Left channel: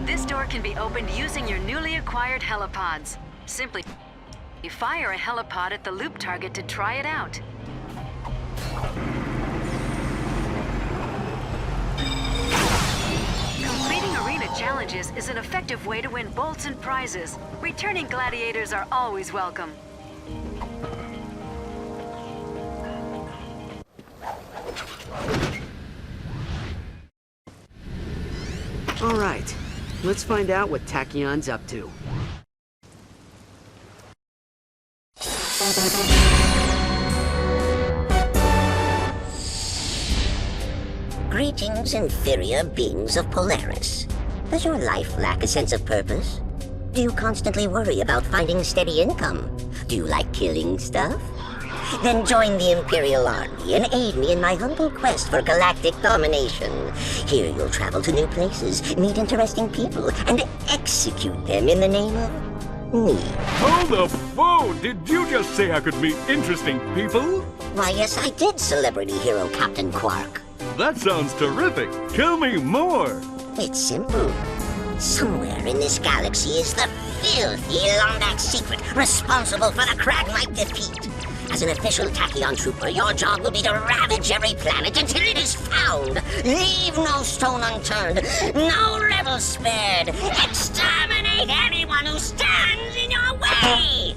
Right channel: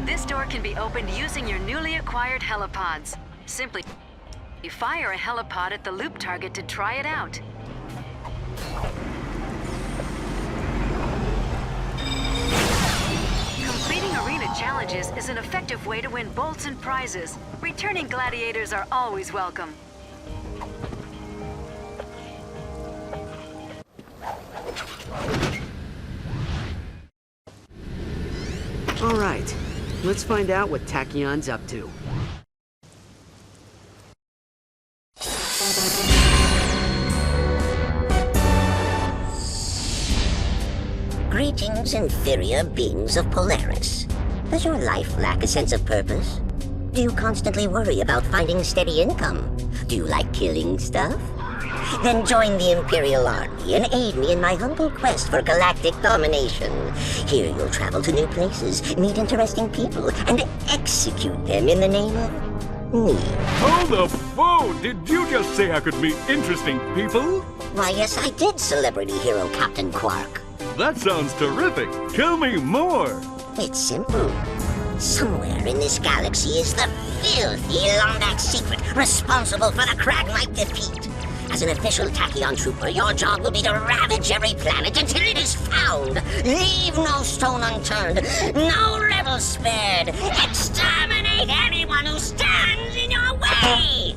This door can be opened using your newly acquired helipods. Simply fire a helipod at the loop target to try it out. Completing arena challenges is an effective way to win bolts and prizes. Returning gladiators are always welcome. All right, let's find out what Tachyon's up to. Greetings, inferior beings of Polaris. Does your life lack a sense of purpose? Do you constantly worry about finding steady income? Do you like killing stuff? Then join the Imperial Army and aid me in my humble quest for galactic domination. Here you'll travel to new places, meet interesting people, and execute them in the name of me. Hold up! Whoa! Did you just say I could meet interesting people? Why, yes, I did, celebrity hero Captain Quark. That sounds terrific! Tell me more! It's simple. Somewhere in this galaxy is the filthy Lombax secret responsible for the Kragmite defeat. As an official Tachyon trooper, your job will be to ravage every planet until it is found. Leave no stone unturned, no rebel spared. Exterminate anyone who stands in your way!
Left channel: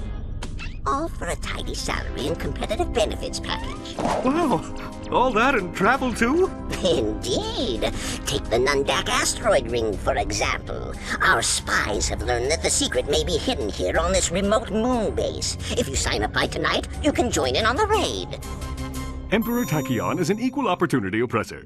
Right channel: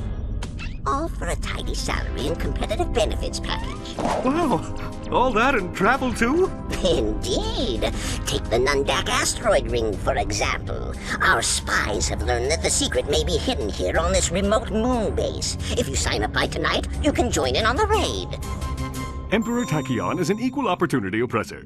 All for a tidy salary and competitive benefits package. Wow! All that and travel too? Indeed. Take the Nundak asteroid ring, for example. Our spies have learned that the secret may be hidden here on this remote moon base. If you sign up by tonight, you can join in on the raid. Emperor Tachyon is an equal opportunity oppressor.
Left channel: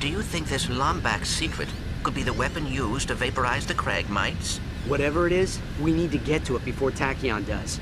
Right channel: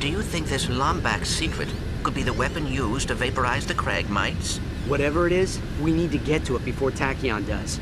Do you think this Lombax secret could be the weapon used to vaporize the Kragmites? Whatever it is, we need to get to it before Tachyon does.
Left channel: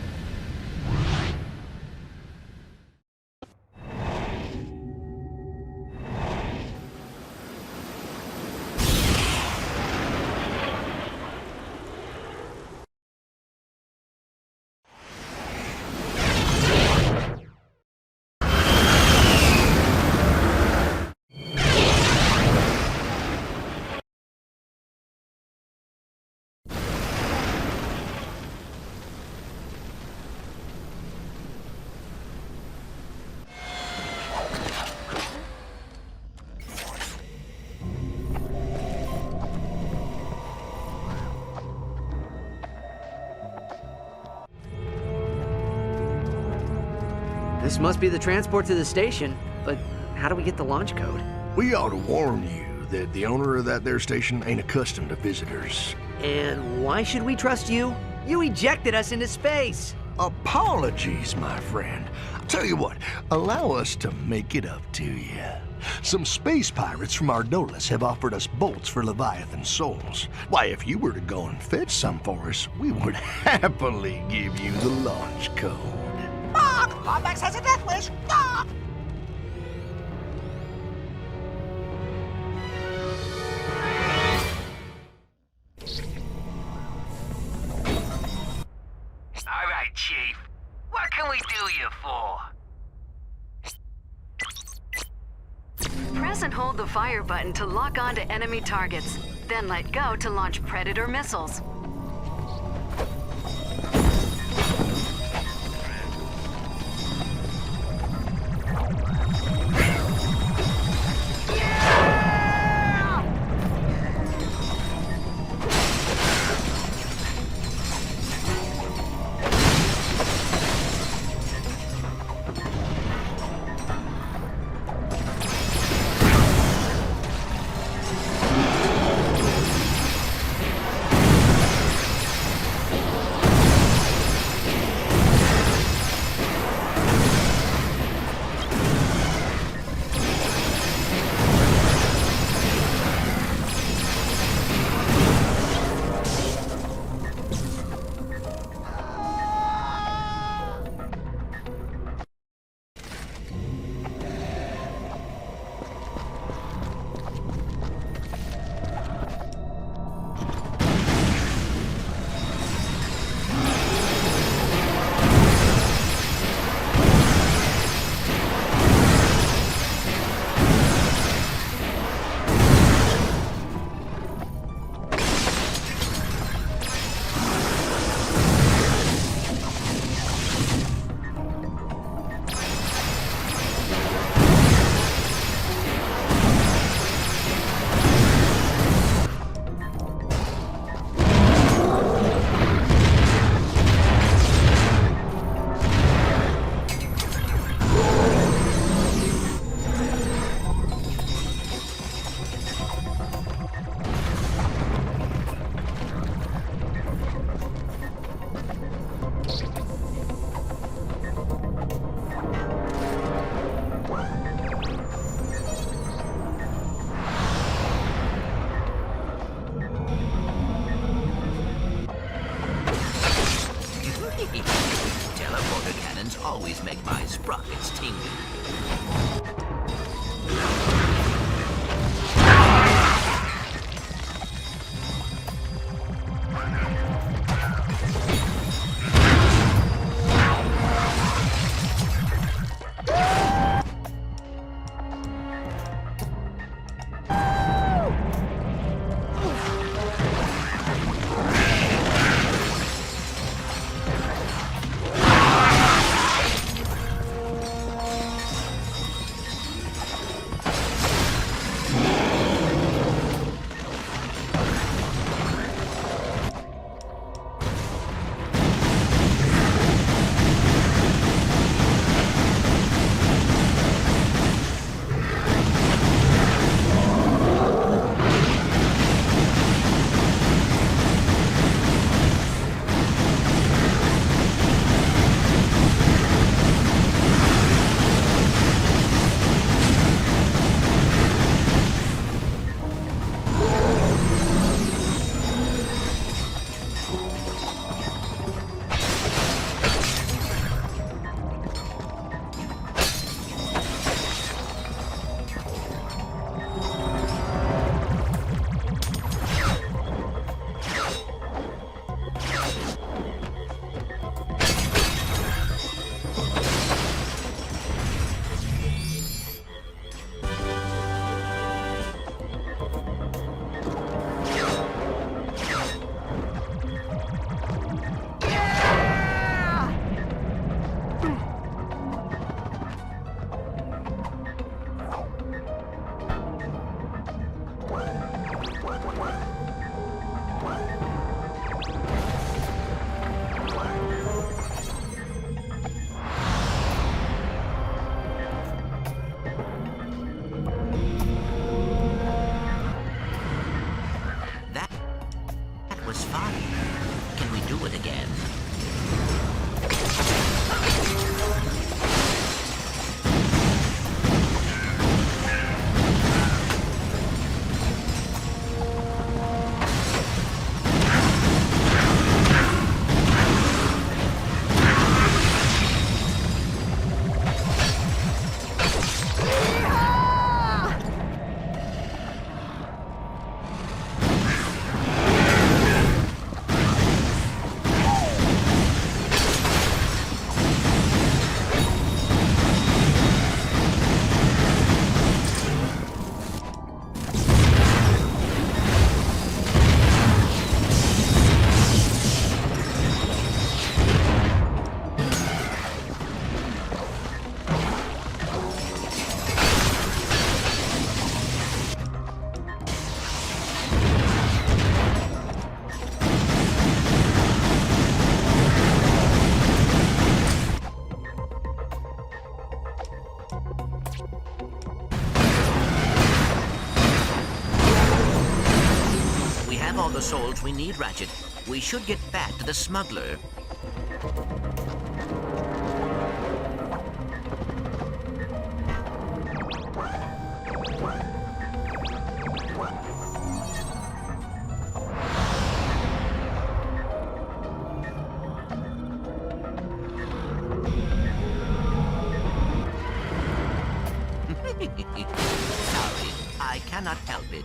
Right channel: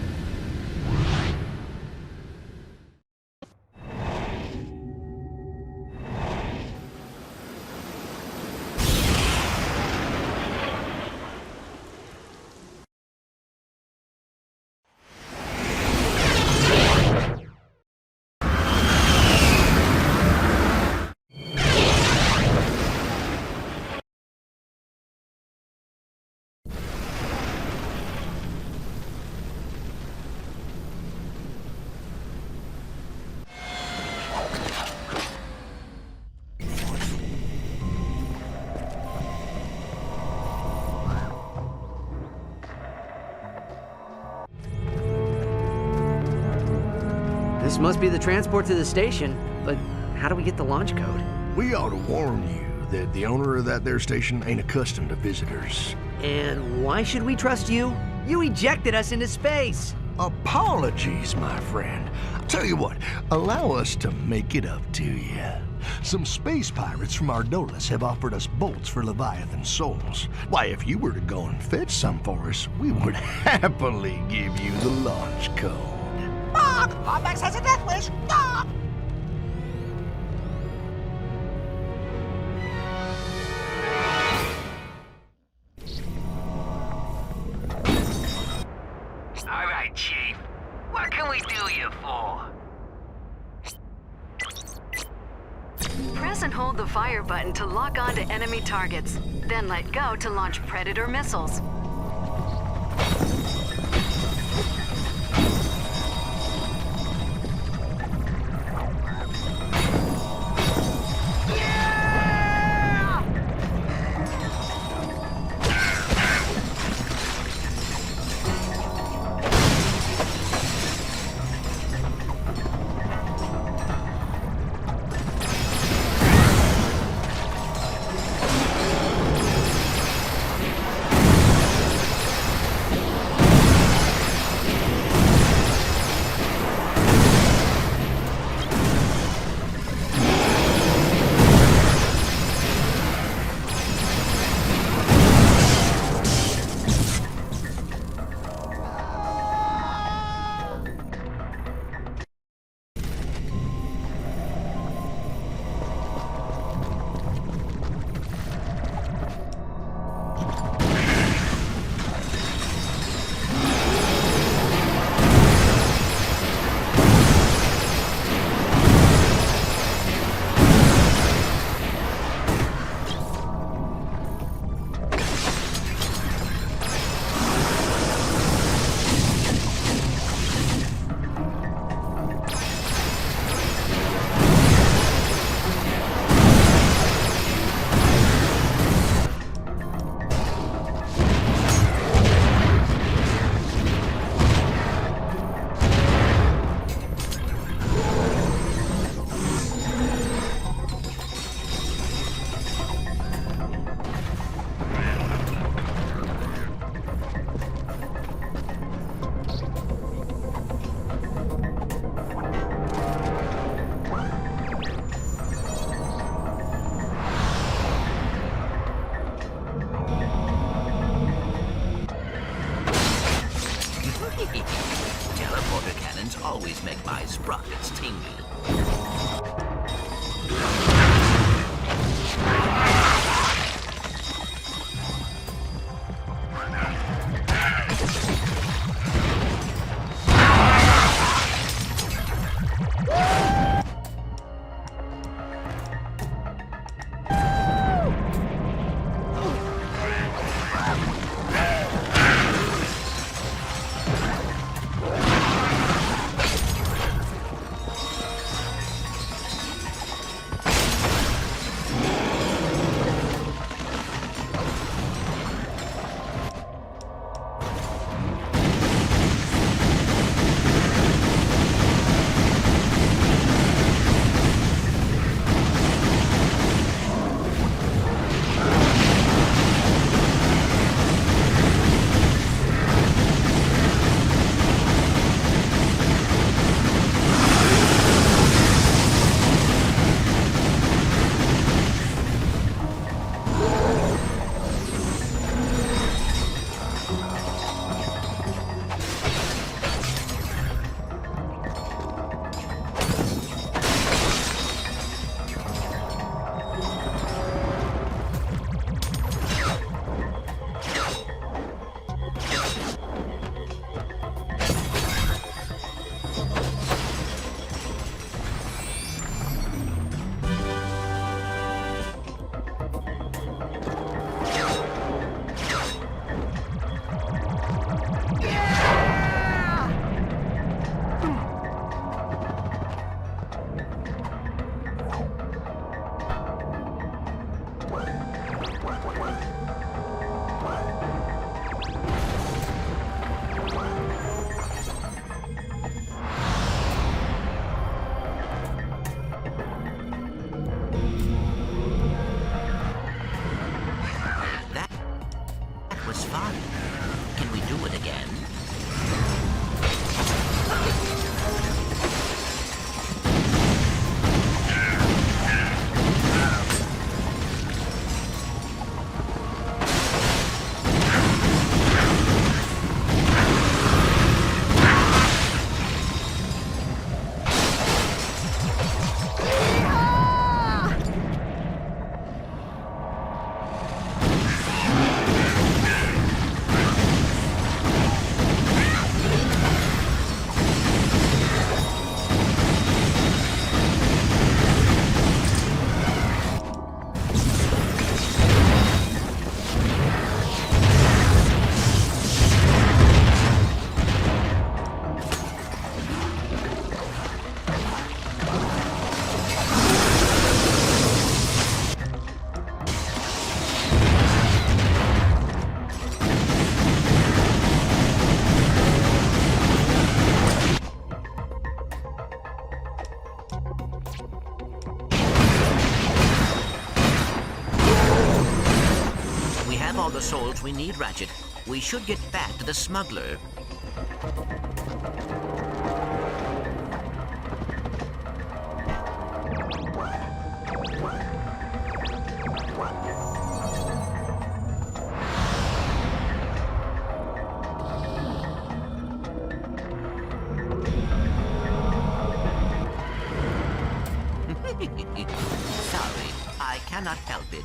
This must be the transport to the station, but how do we get the launch code? We ought to warn you that the owner of that there station ain't accustomed to visitors. And why should we trust you? You ejected us into space! Apologies, my friend. Tell you what, allow us to make it up to you. Some space pirates from Ardolis have offered us bolts for Leviathan souls. Why, if you were to go and fetch some for us, we would happily give you the launch code. Lombax has a death wish! Ah! All right, Chief. What can we do you for? Press and hold the fire button to lock onto enemy targets. Then let go to launch Predator missiles. tacky. Teleporter cannons always make my sprockets tingle. That was fun. Can we do it again? We have all the souls we need, Ratchet. We should get back to the smuggler. Sorry, I cannot help it.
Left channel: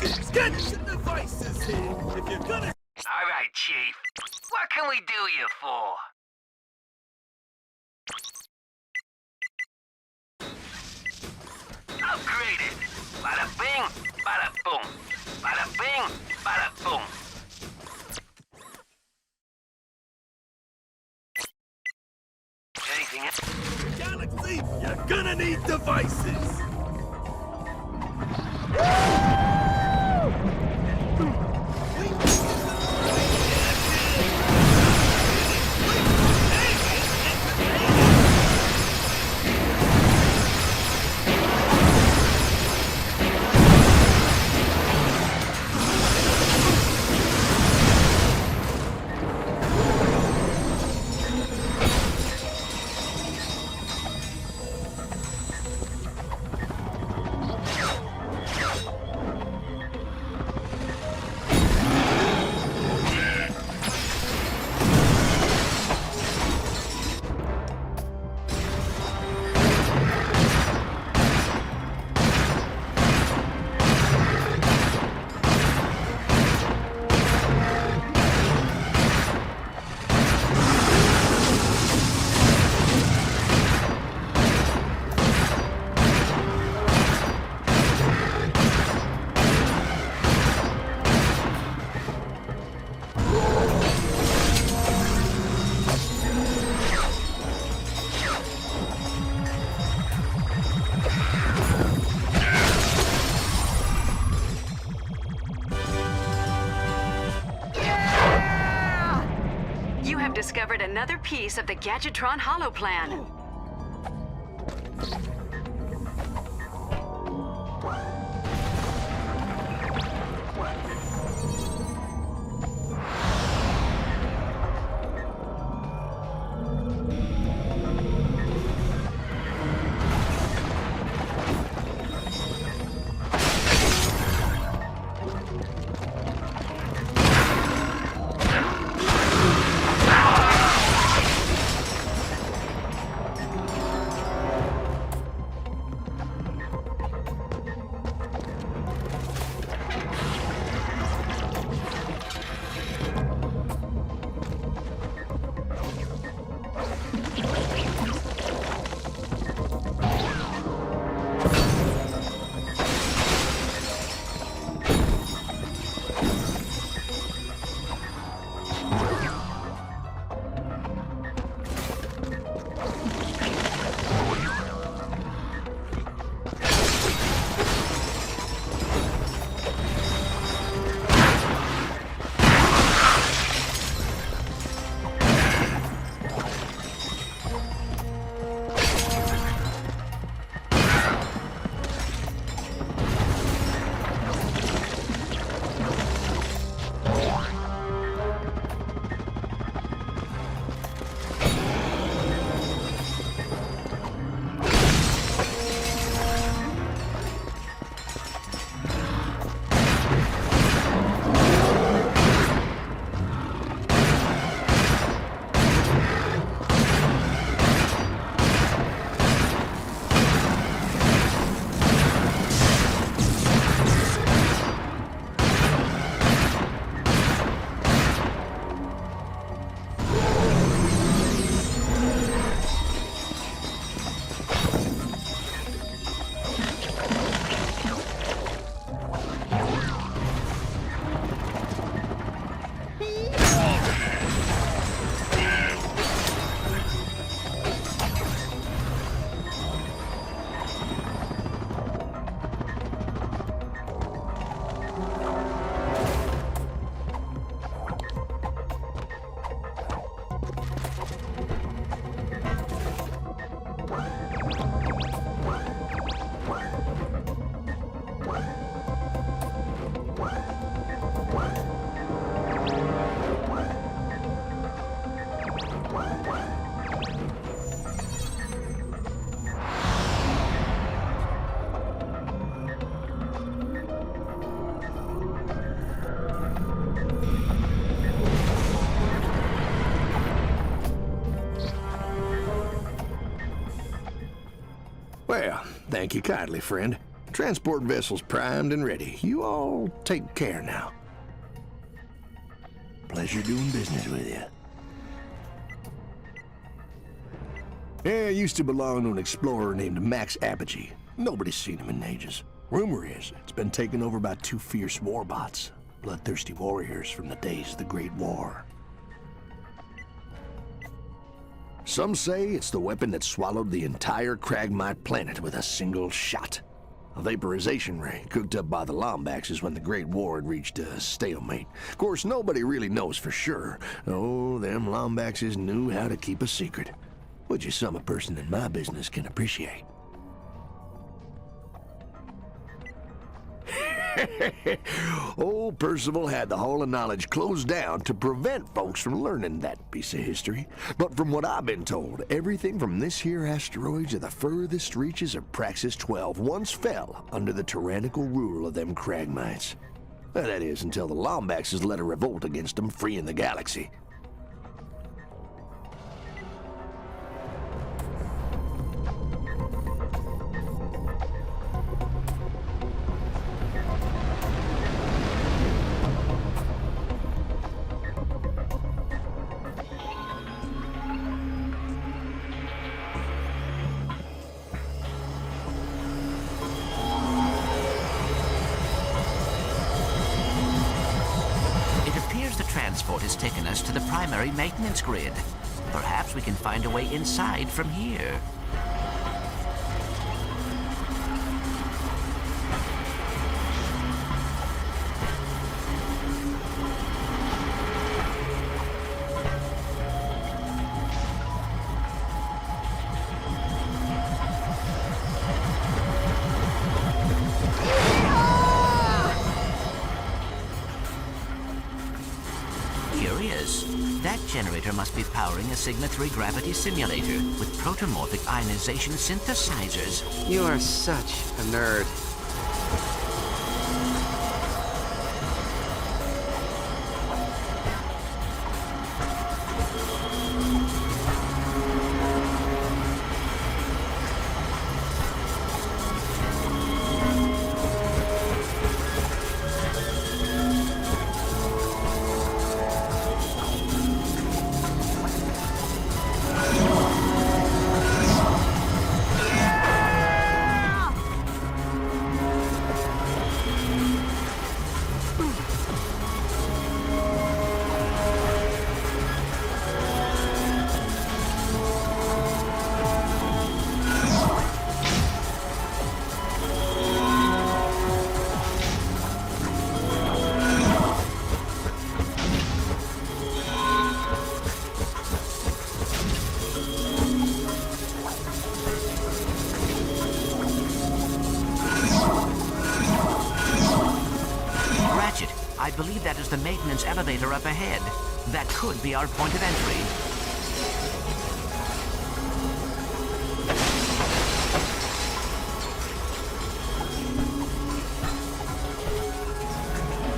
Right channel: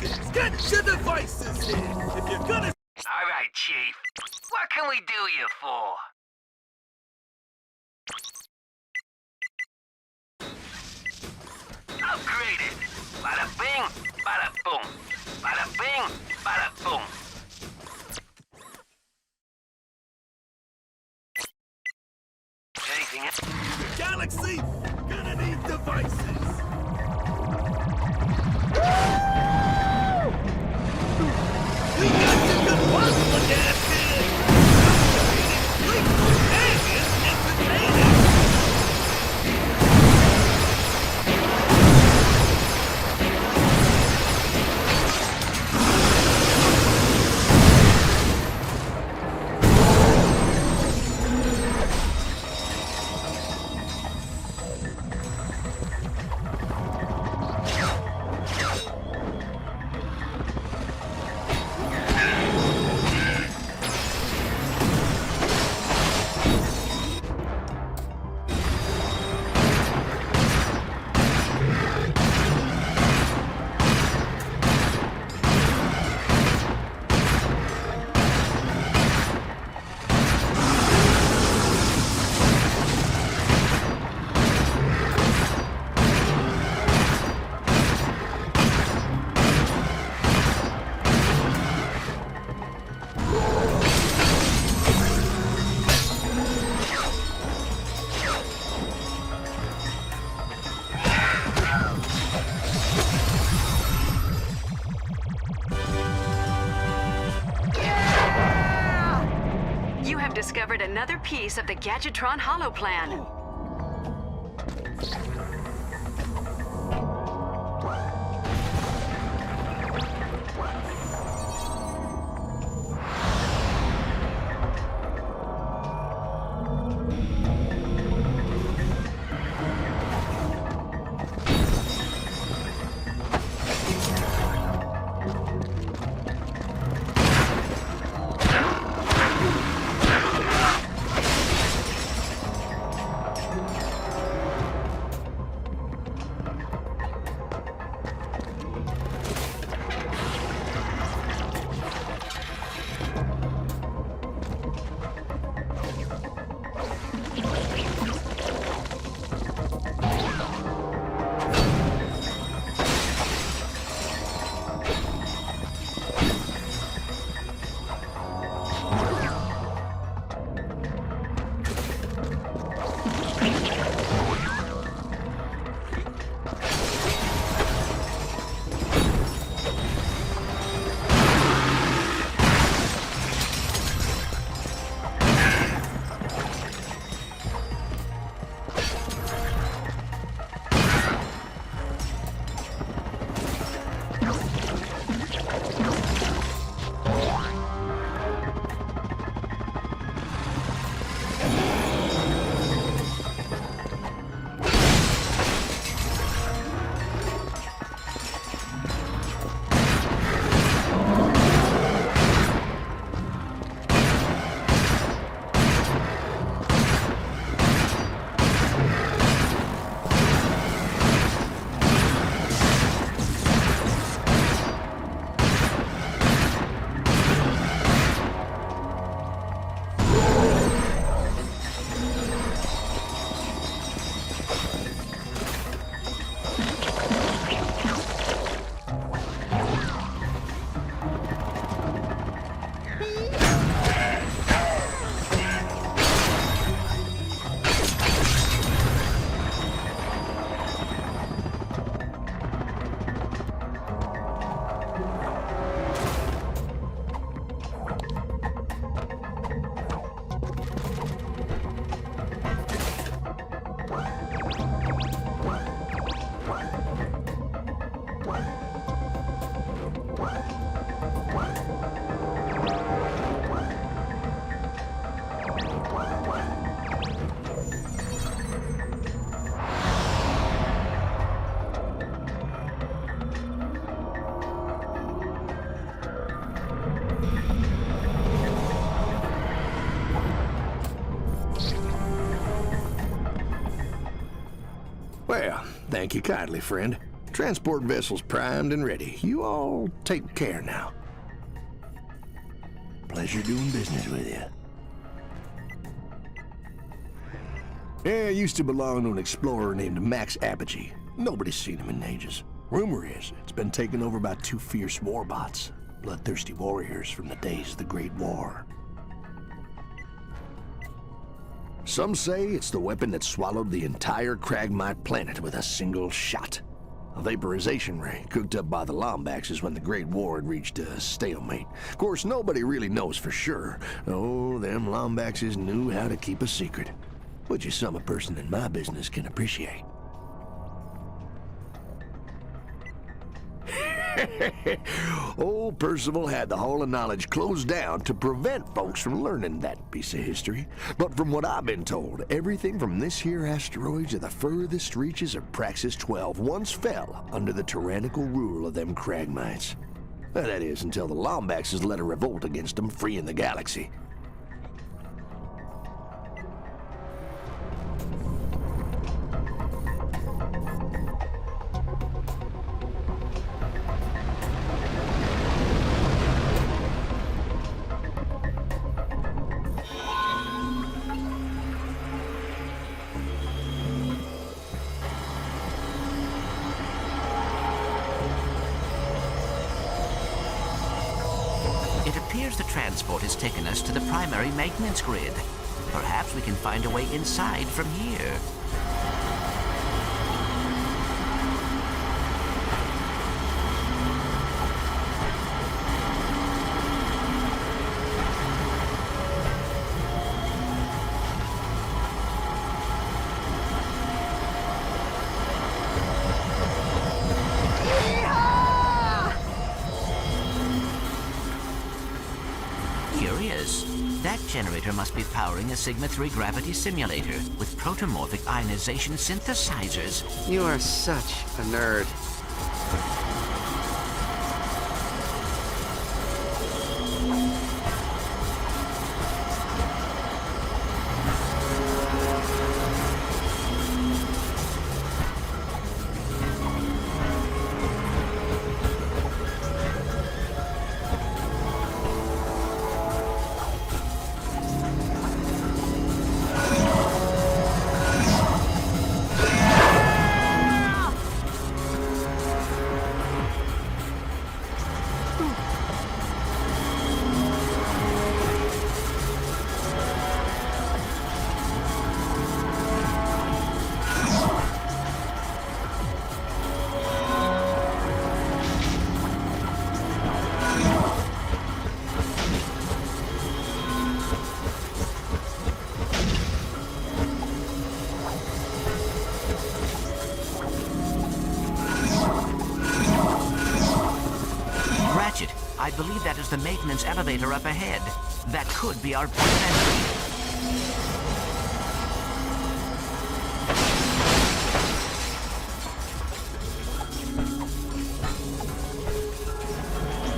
All right, Chief. What can we do you for? Upgraded. Bada bing, bada boom. Bada bing, bada boom. Anything else? Galaxy, you're gonna need devices. You have discovered another piece of the Gadgetron holoplan. Well, thank you kindly, friend. Transport vessel's primed and ready. You all take care now. Pleasure doing business with you. Yeah, used to belong to an explorer named Max Apogee. Nobody's seen him in ages. Rumor is it's been taken over by 2 fierce warbots, bloodthirsty warriors from the days of the Great War. Some say it's the weapon that swallowed the entire Cragmite planet with a single shot. A vaporization ray cooked up by the Lombaxes when the Great War had reached a stalemate. Of course, nobody really knows for sure. Oh, them Lombaxes knew how to keep a secret, which is something a person in my business can appreciate. Old Percival had the Hall of Knowledge closed down to prevent folks from learning that piece of history. But from what I've been told, everything from this here asteroid to the furthest reaches of Praxis 12 once fell under the tyrannical rule of them Cragmites. That is, until the Lombaxes led a revolt against them, freeing the galaxy. It appears the transport has taken us to the primary maintenance grid. Perhaps we can find a way inside from here. Curious. That generator must be powering a Sigma-3 gravity simulator with protomorphic ionization synthesizers. You are such a nerd. Ratchet, I believe that is the maintenance elevator up ahead. That could be our point of entry.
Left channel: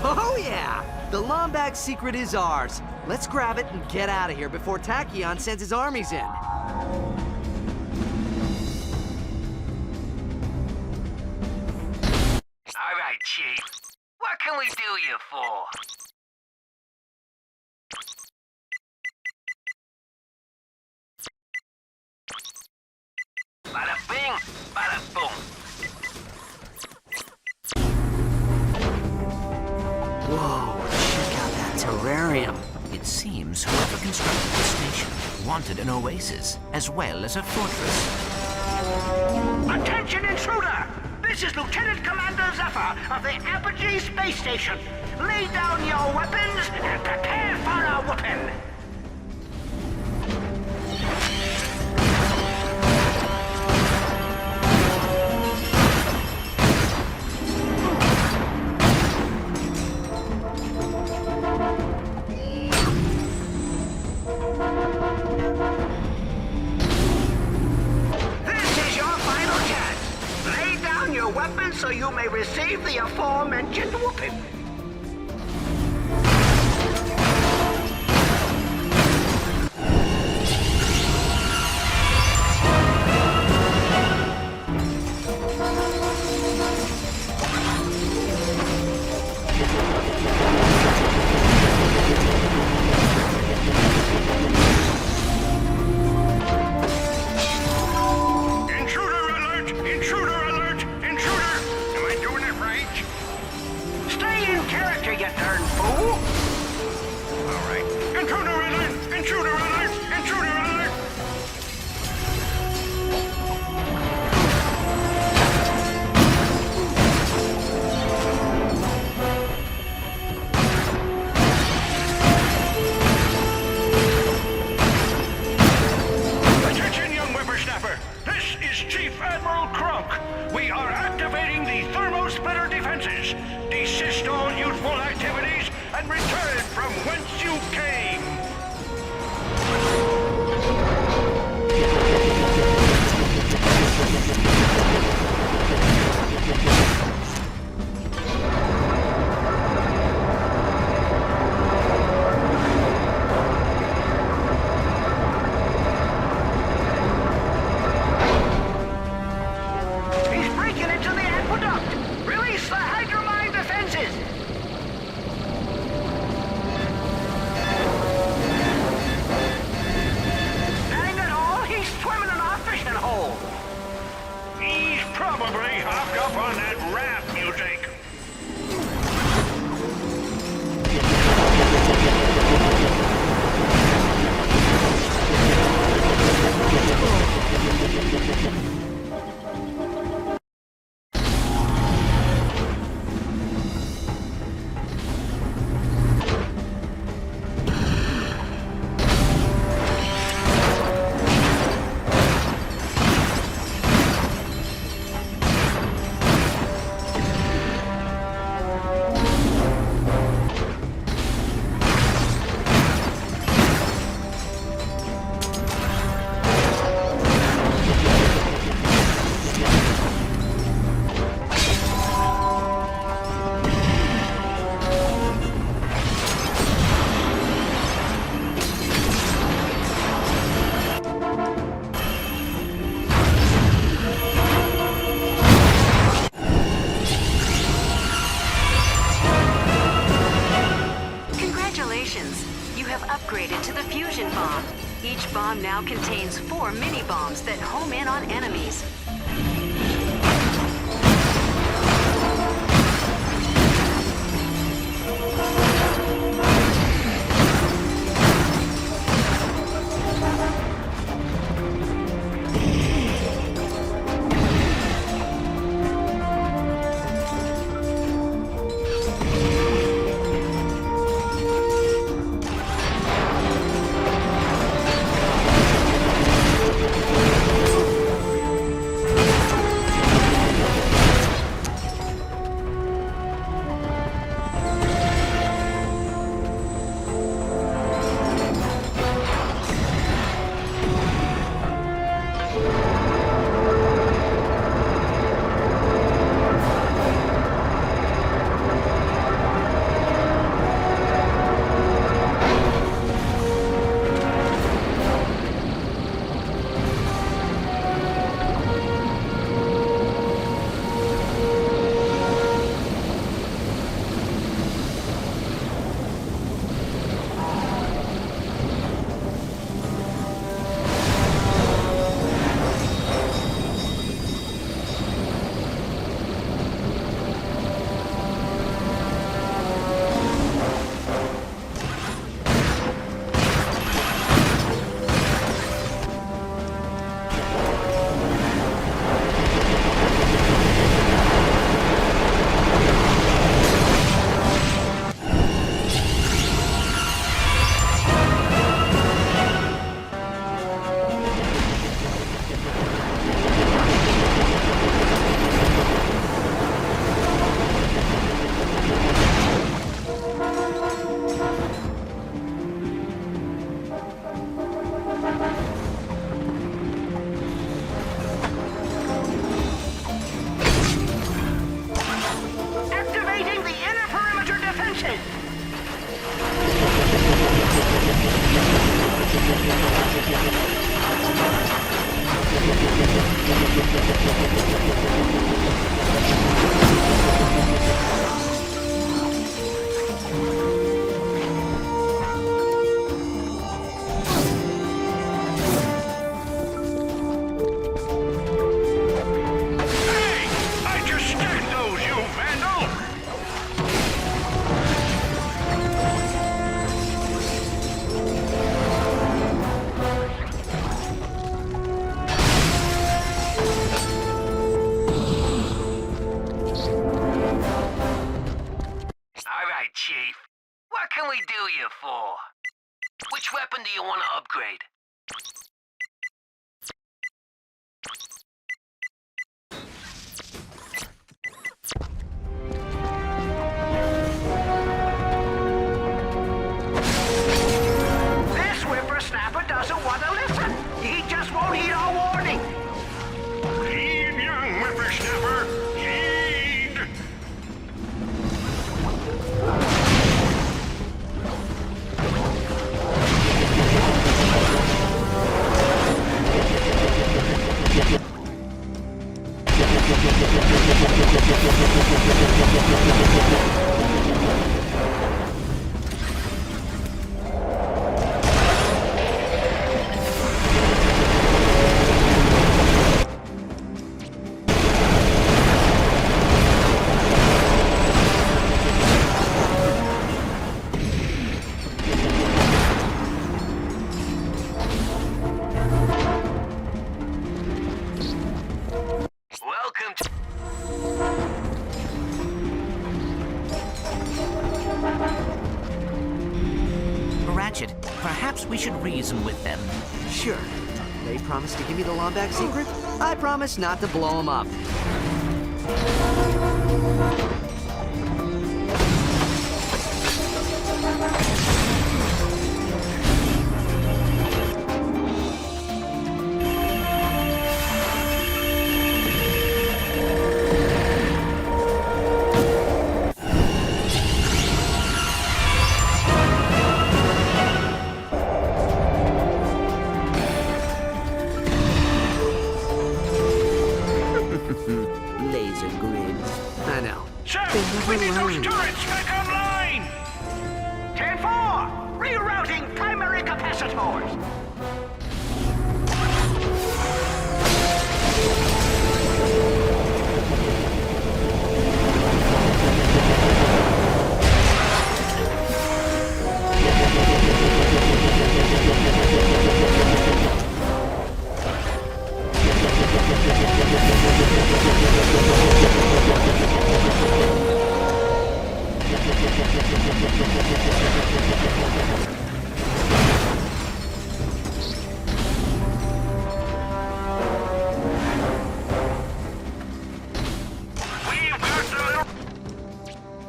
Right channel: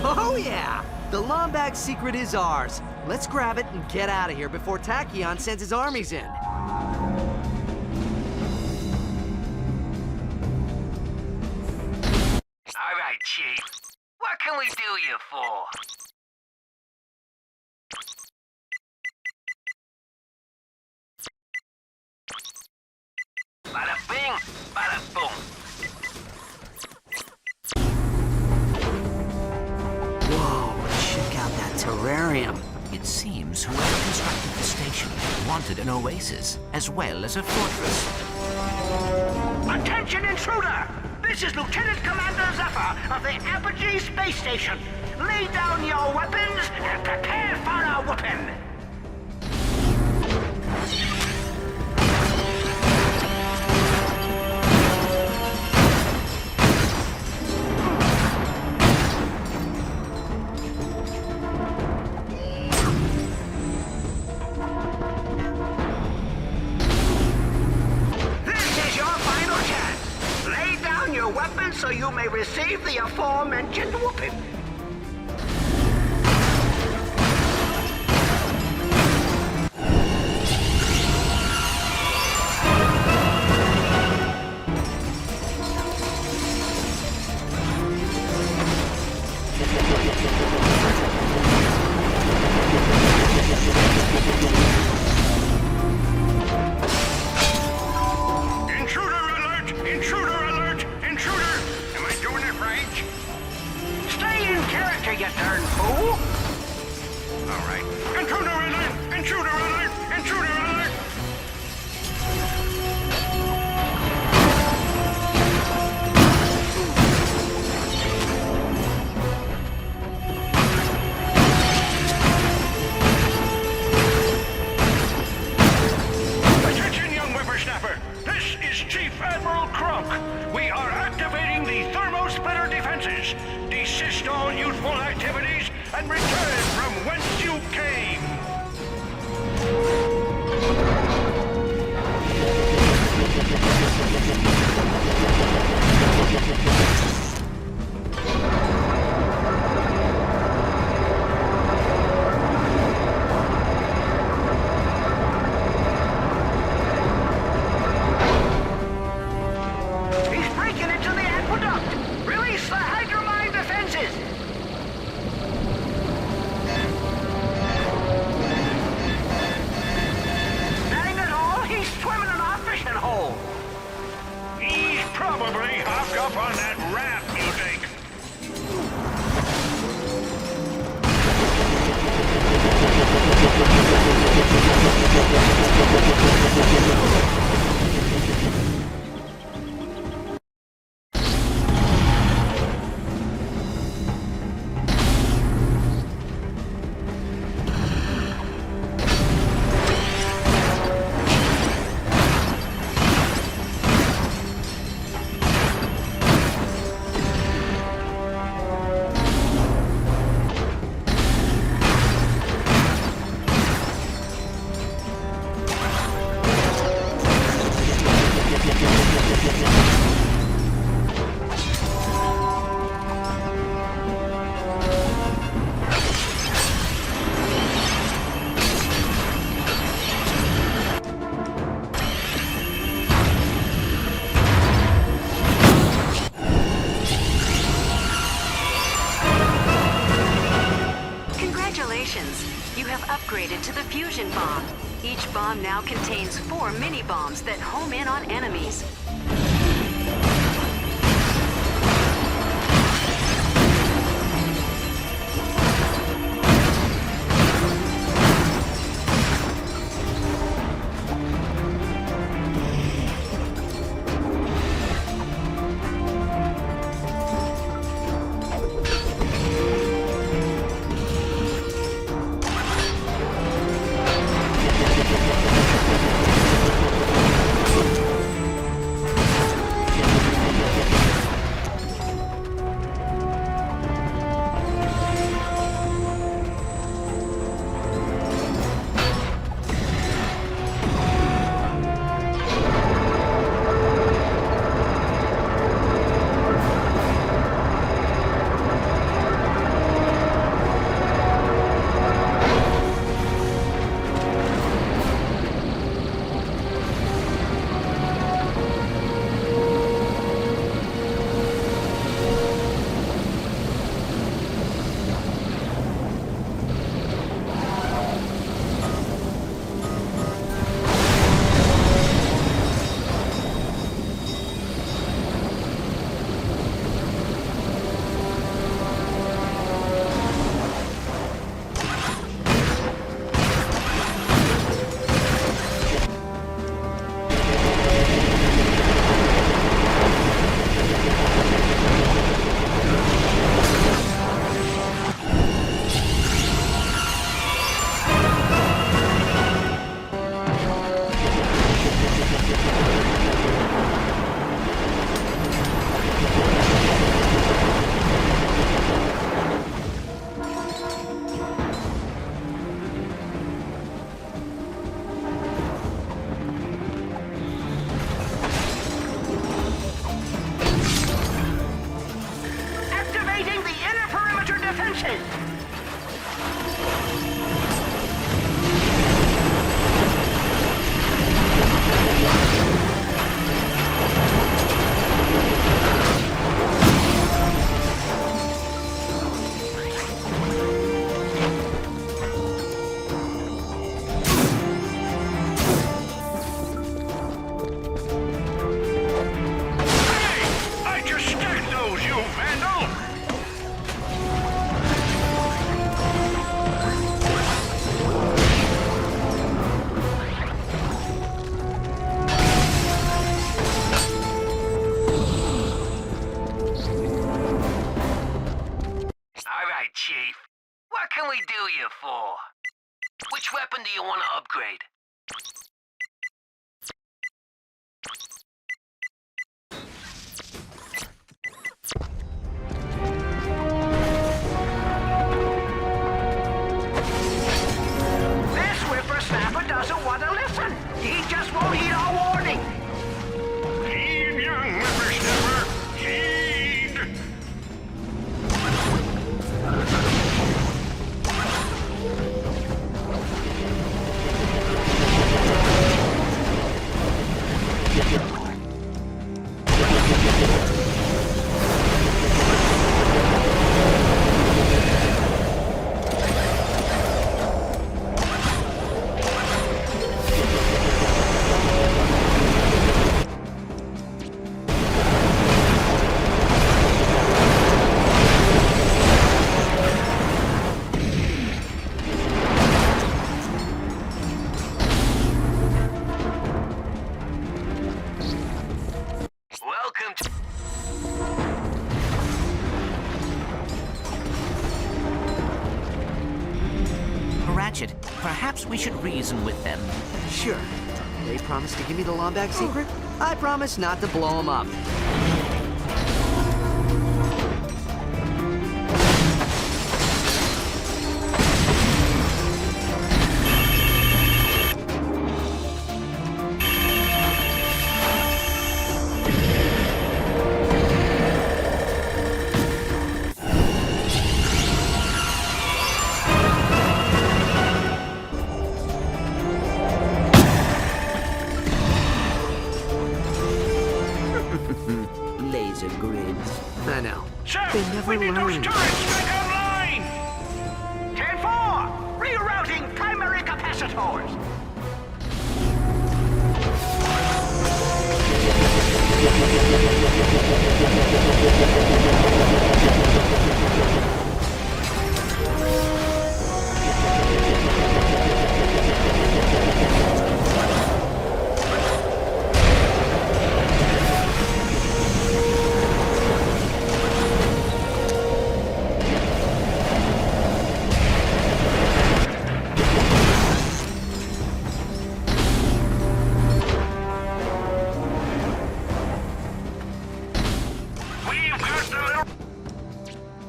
Oh yeah! The Lombax secret is ours. Let's grab it and get out of here before Tachyon sends his armies in. All right, Chief. What can we do you for? Bada bing, bada boom. Whoa, check out that terrarium. It seems whoever constructed the station wanted an oasis as well as a fortress. Attention, intruder! This is Lieutenant Commander Zephyr of the Apogee Space Station. Lay down your weapons and prepare for a whooping. This is your final chance. Lay down your weapons so you may receive the aforementioned whooping. Intruder alert! Intruder alert! Intruder! Am I doing it right? Stay in character, you darn fool! All right. Intruder alert! Intruder alert! Intruder alert! Attention, young whippersnapper! This is Chief Admiral Clank. We are activating the thermo-splitter defenses. Desist all youthful activities and return from whence you came. He's breaking into the aqueduct! Release the hydromine defenses! Dang it all, he's swimming in our fishing hole! He's probably hopped up on that rap music. Congratulations! You have upgraded to the fusion bomb. Each bomb now contains 4 mini-bombs that home in on enemies. Chief. What can we do you for? Which weapon do you want to upgrade? This whippersnapper doesn't want to listen. He just won't heed our warning. Heed, young whippersnapper. Heed. Welcome to... Ratchet, perhaps we should reason with them. Sure. They promised to give me the Lombax secret. I promise not to blow them up. Laser grids. I know. Sir, They never we need those learn. turrets back online! 10-4! Rerouting primary capacitors! We've got the little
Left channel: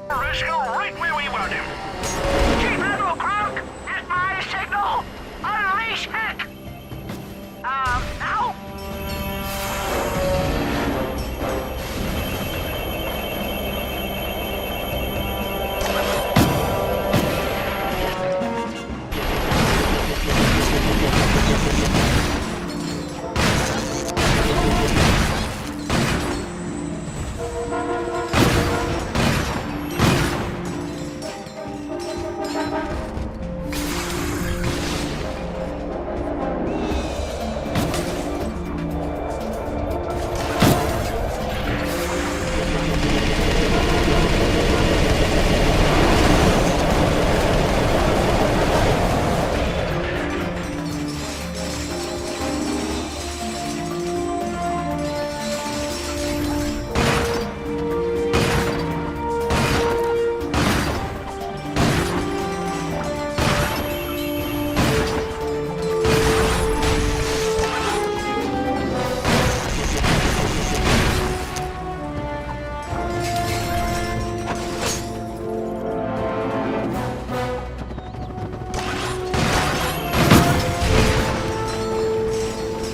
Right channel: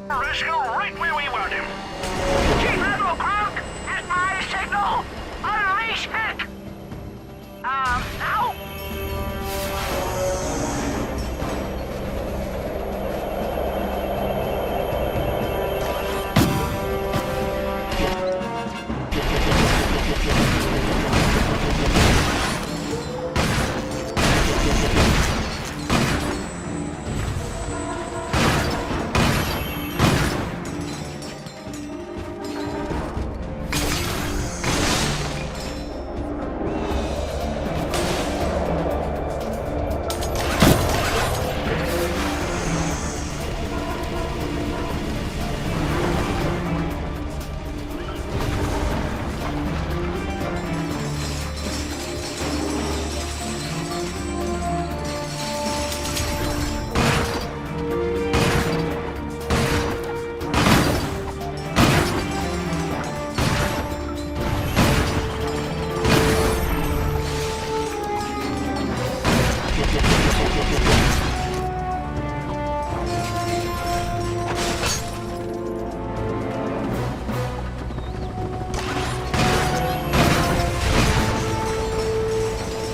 rascal right where we want him. Chief Admiral Clank, at my signal, unleash heck! Now?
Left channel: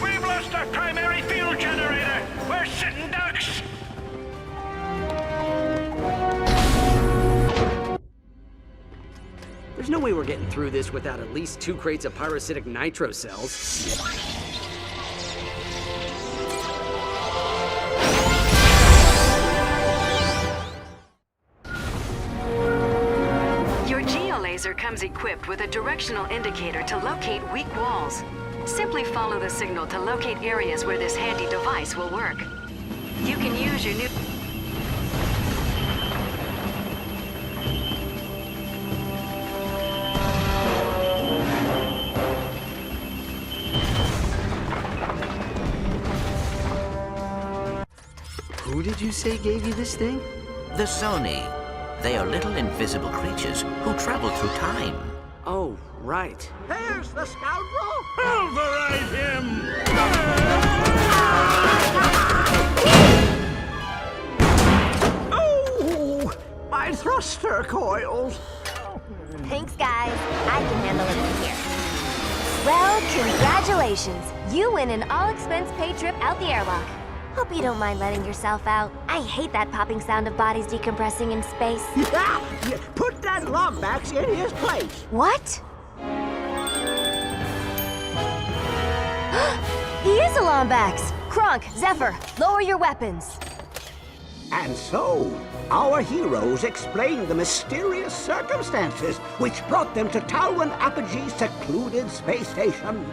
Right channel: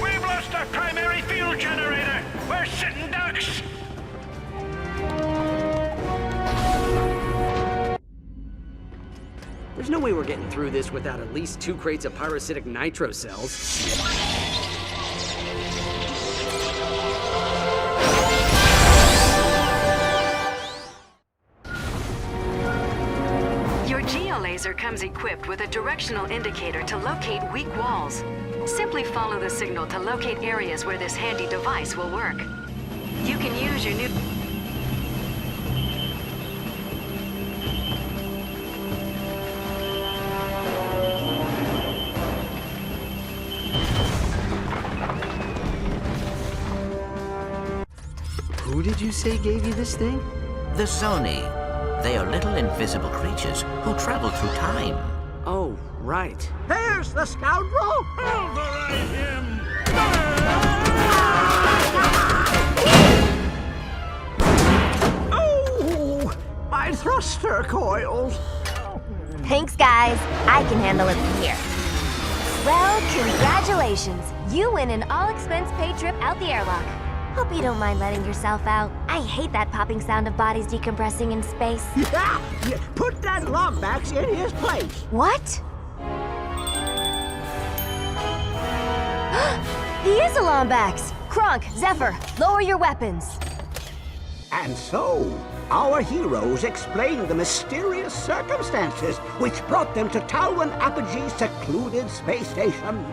We've lost our primary fuel generator. We're sitting ducks. There's no way we're getting through this without at least 2 crates of pyrocytic nitro cells. Your geolaser comes equipped with a directional indicator to locate weak walls. Simply follow the signal to locate areas where this handy device will work. You can use your new... Who did you say gave you this thing? The Sony. They are little invisible creatures who travel through time. Oh, right. There's the scoundrel! Pulverate him! Oh! My thruster coils! Thanks, guys. I can handle it from here. Well, congratulations. You win an all-expense-paid trip out the airlock. Hope you don't mind letting yourself out. I hate that popping sound of bodies decompressing in space. Yeah! Put that Lombax in his place! What? He is a Lombax! Kronk, Zephyr, lower your weapons. And so, our heroes explain the mysterious circumstances which brought them to Talwyn Apogee's secluded space station.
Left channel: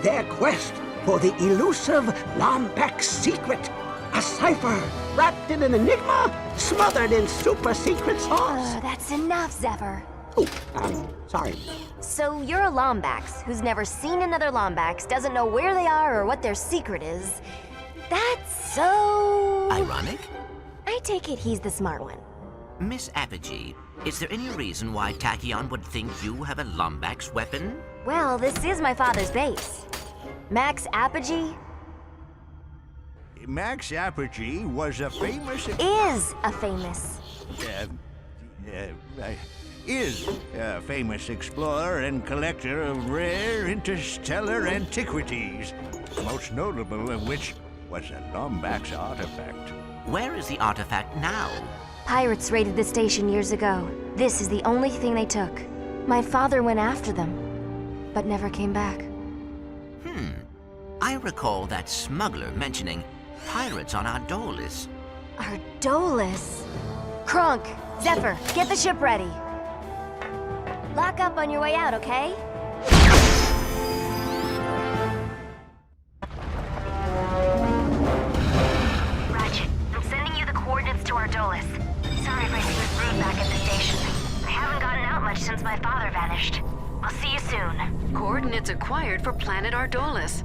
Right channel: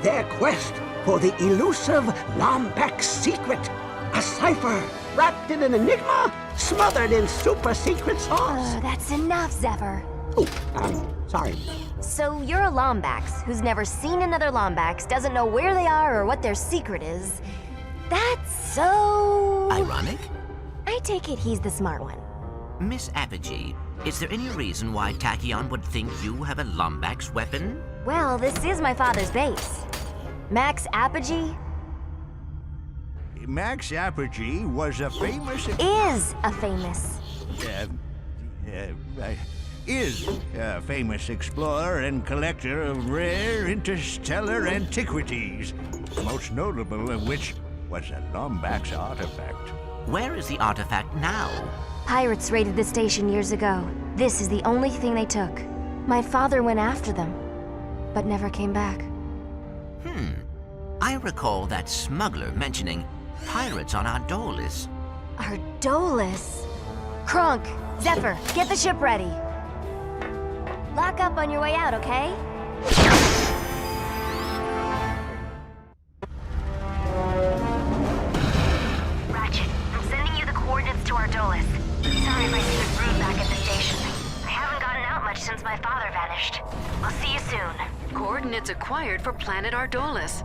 Their quest for the elusive Lombax secret. A cipher wrapped in an enigma, smothered in super-secret sauce. That's enough, Zephyr. Oh, sorry. So you're a Lombax who's never seen another Lombax, doesn't know where they are or what their secret is. That's so... Ironic? I take it he's the smart one. Miss Apogee, is there any reason why Tachyon would think you have a Lombax weapon? Well, this is my father's base. Max Apogee Max Apogee was a famous... is a famous explorer and collector of rare interstellar antiquities, most notable of which was a Lombax artifact. Where is the artifact now? Pirates raided the station years ago. This is the only thing they took. My father went after them, but never came back. I recall that smuggler mentioning pirates on Ardolis. Ardolis? Kronk, Zephyr, get the ship ready. Lock up on your way out, okay? Ratchet, I'm sending you the coordinates to Ardolis. Sorry if I seemed rude back at the station. I haven't gotten out much since my father vanished. I'll see you soon. Coordinates acquired for planet Ardolis.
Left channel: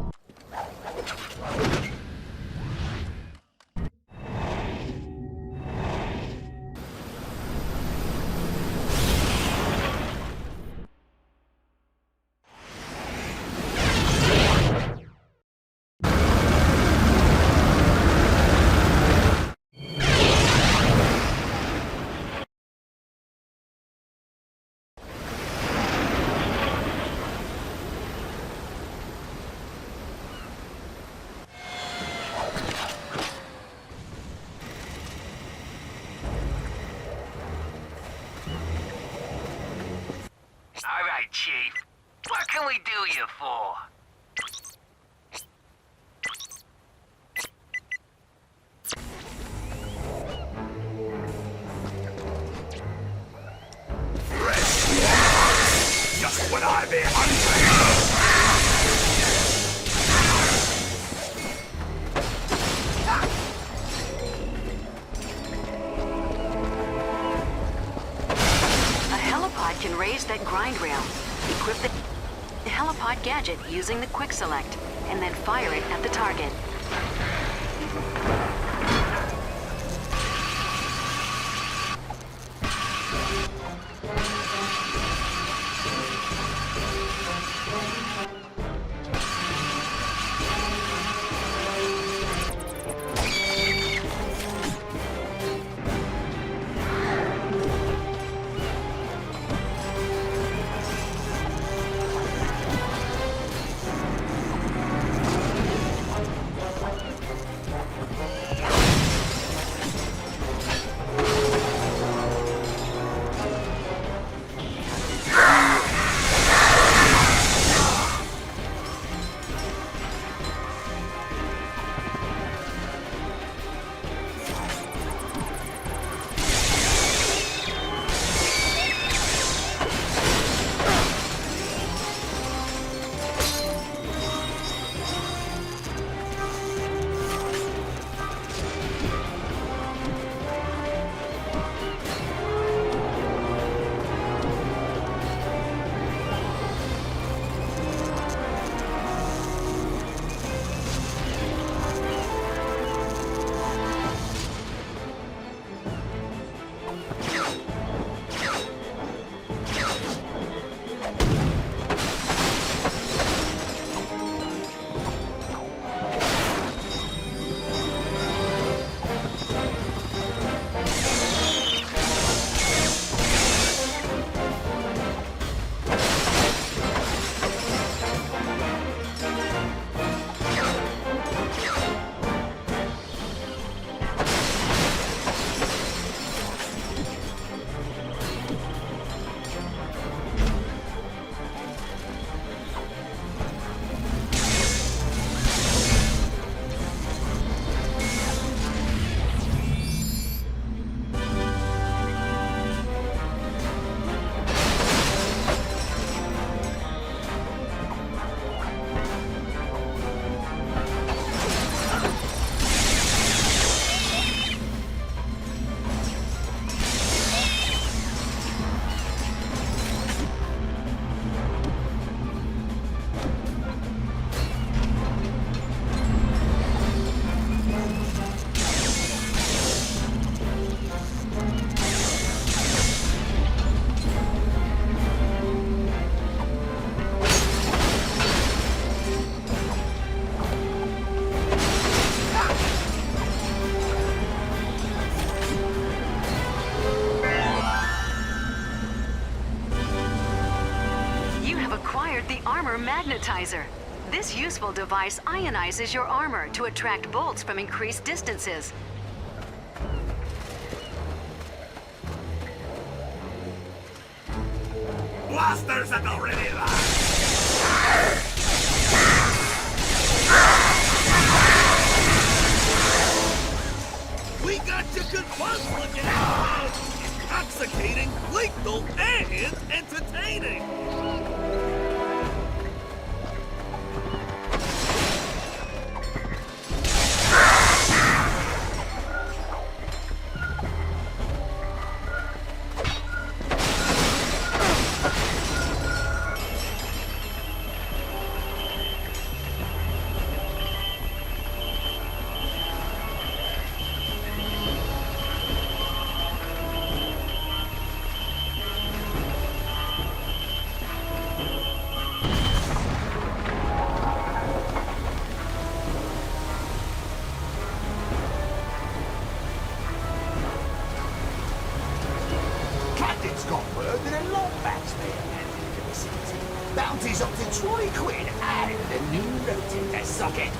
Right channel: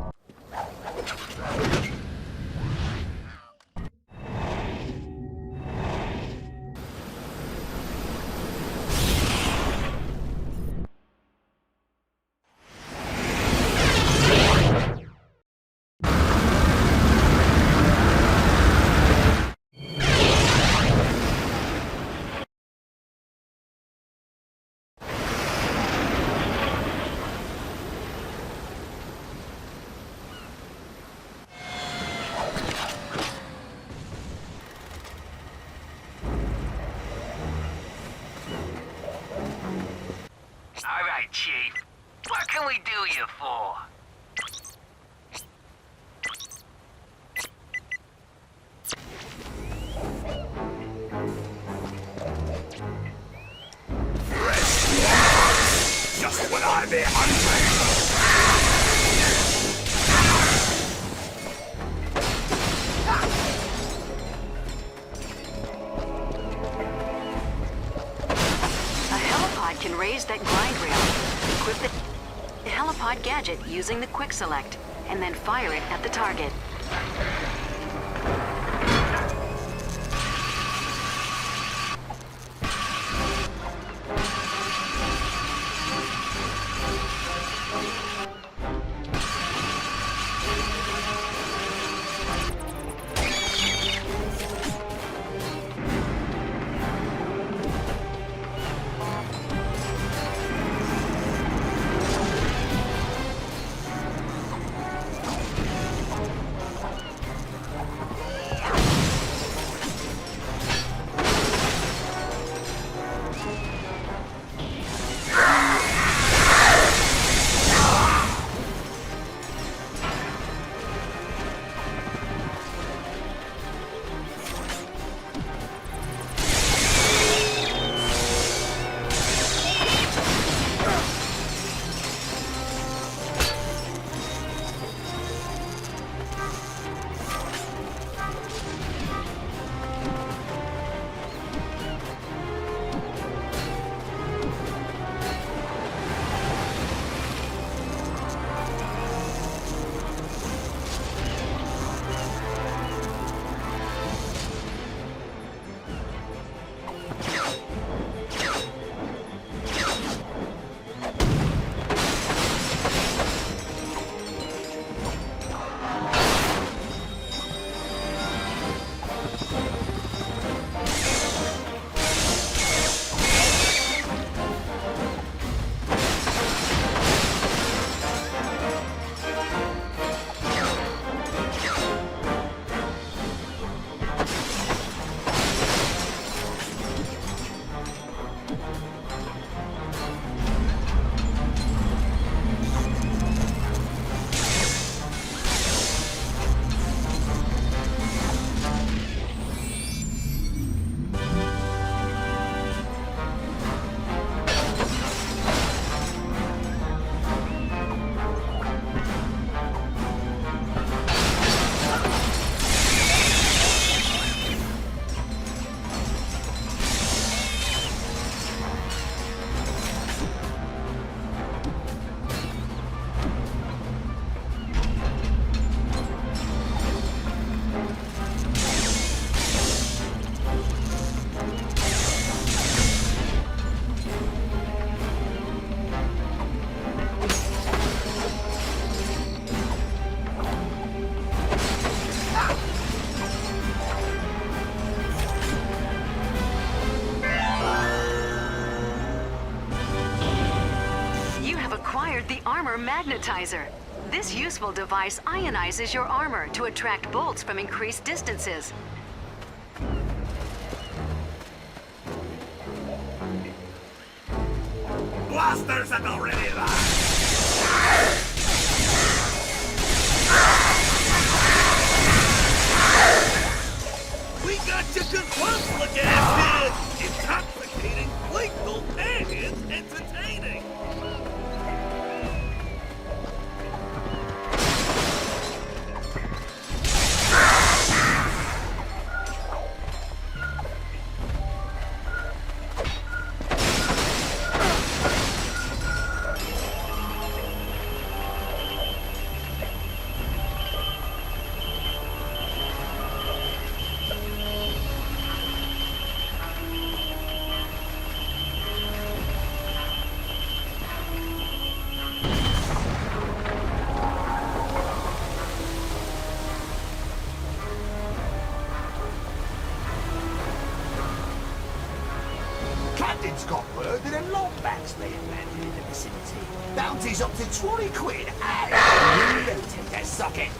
All right, Chief. What can we do you for? Just what I be hunting! A helipod can raise that grind rail. Equip the helipod gadget using the quick select, and then fire it at the target. You have acquired the Armor Magnetizer. This useful device ionizes your armor to attract bolts from increased distances. Blasters at the ready, lad! We got you good plasma gas here! Intoxicating, playful, and entertaining! Captain's got word that a longbacks may have landed in the vicinity. Bounty's up to 20 quid and rotate that socket.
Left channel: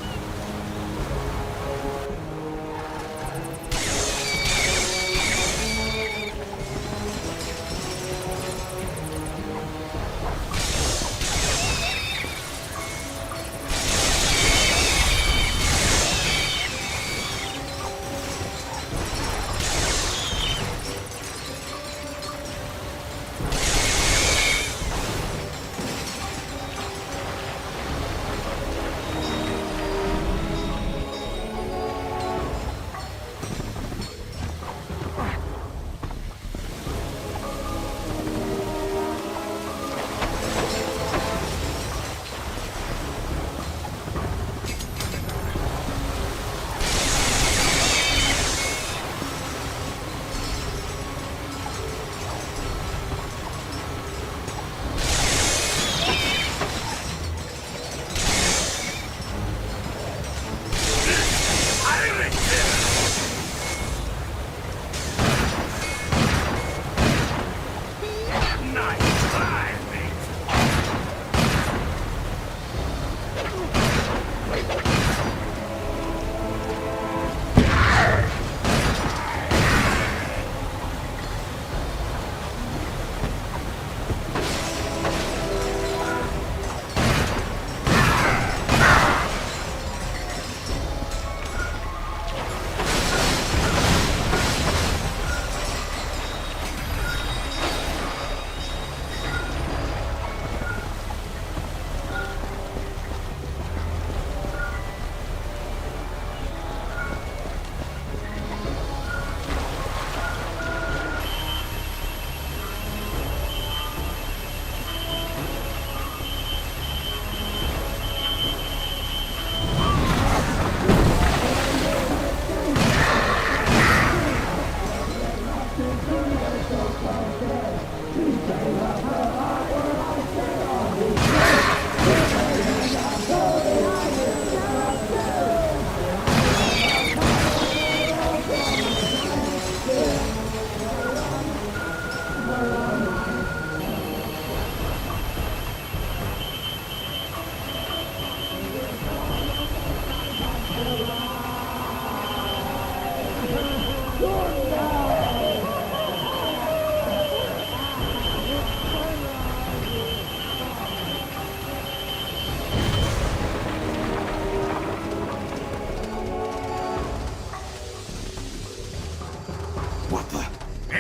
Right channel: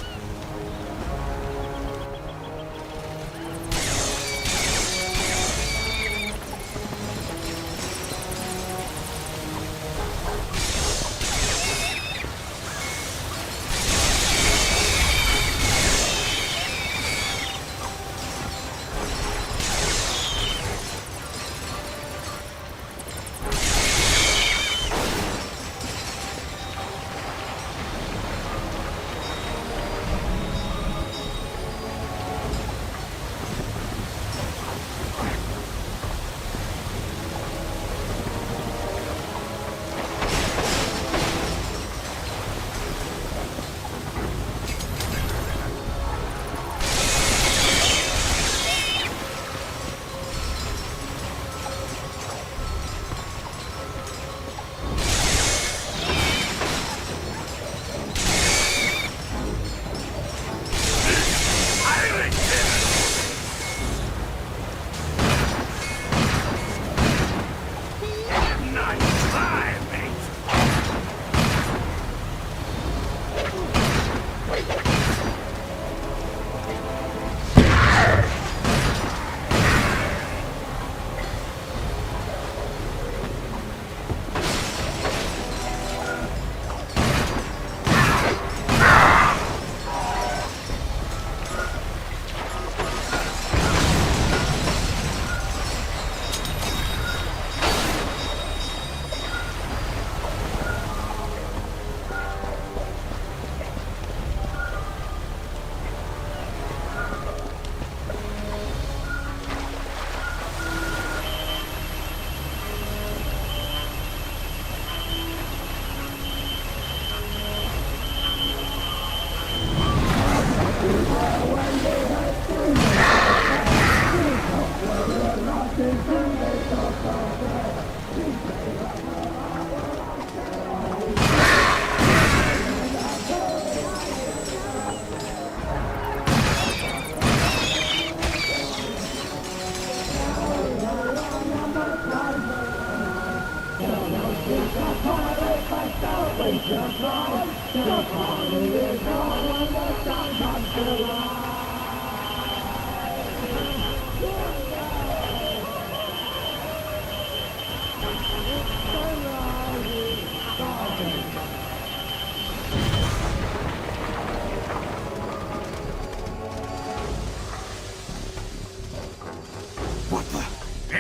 What the?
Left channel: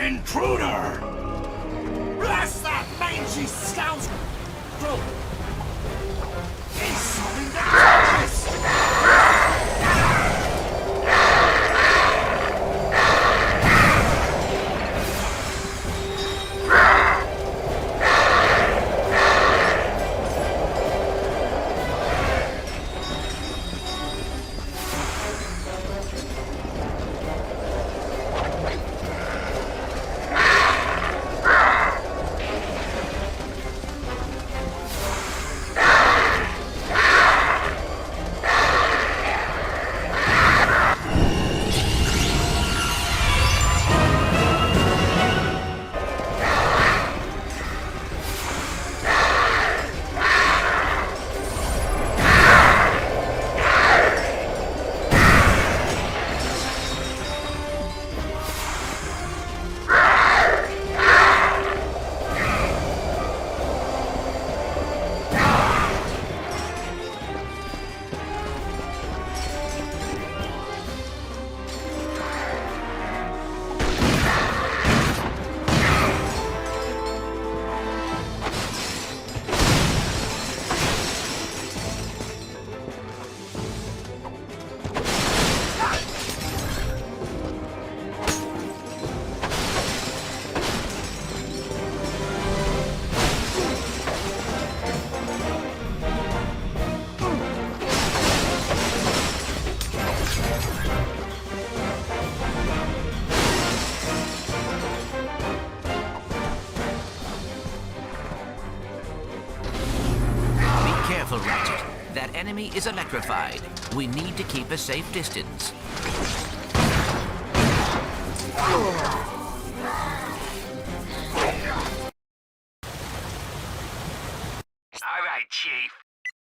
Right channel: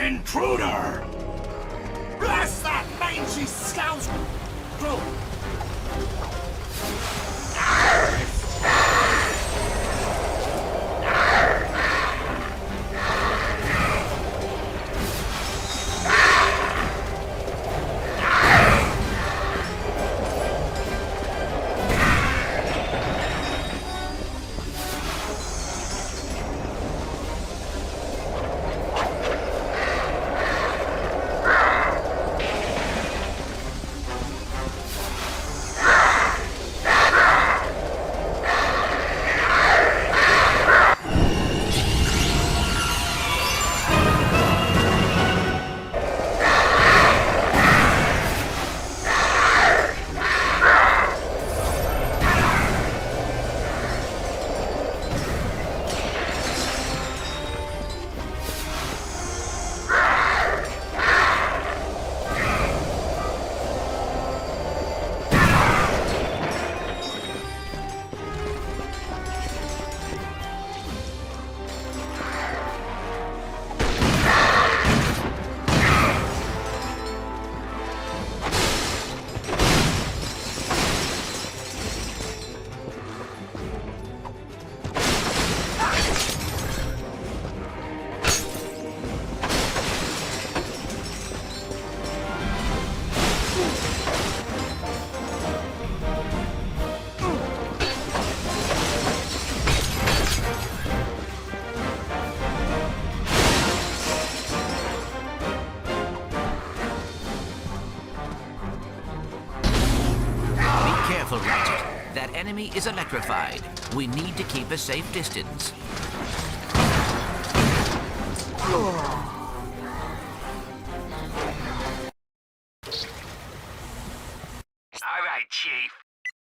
Intruder! Blast that mangy scoundrel! enemy is electrified. We need to keep a safe distance. All right, Chief.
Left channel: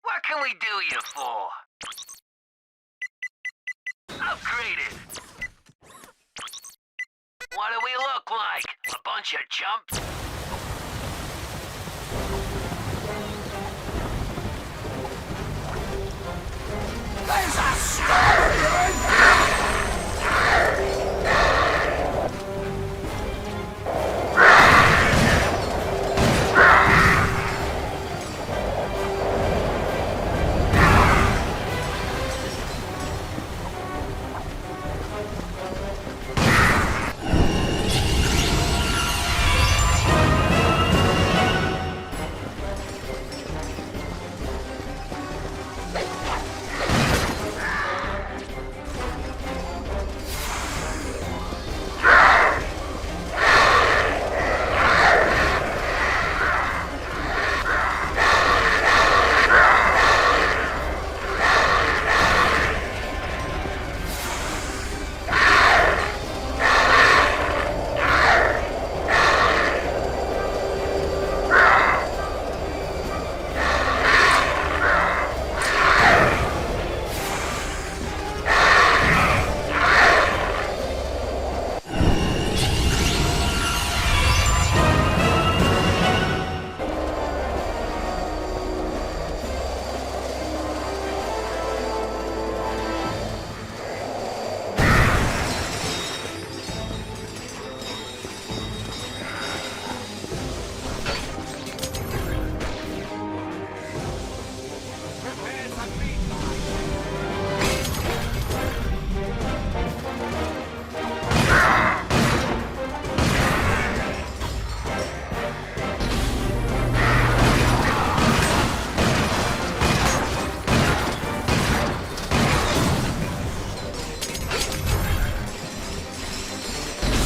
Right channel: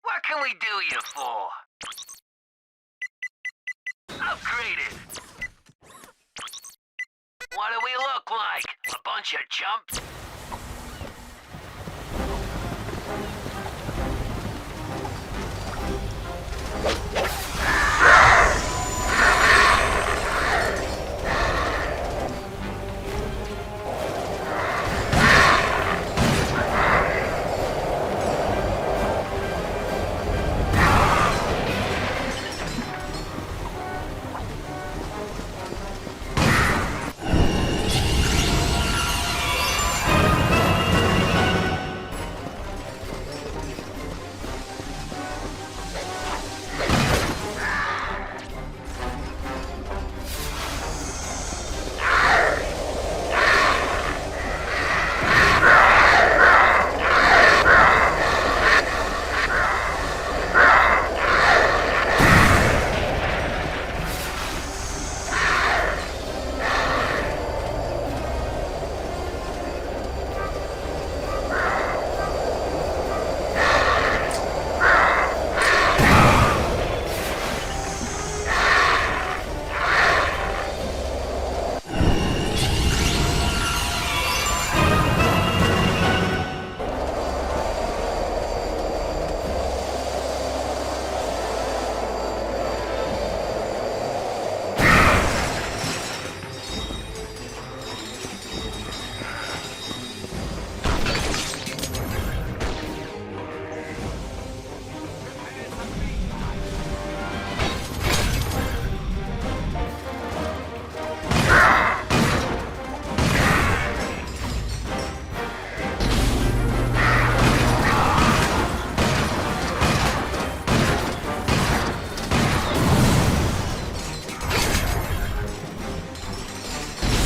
What can we do you for? Upgraded. What do we look like? A bunch of chumps?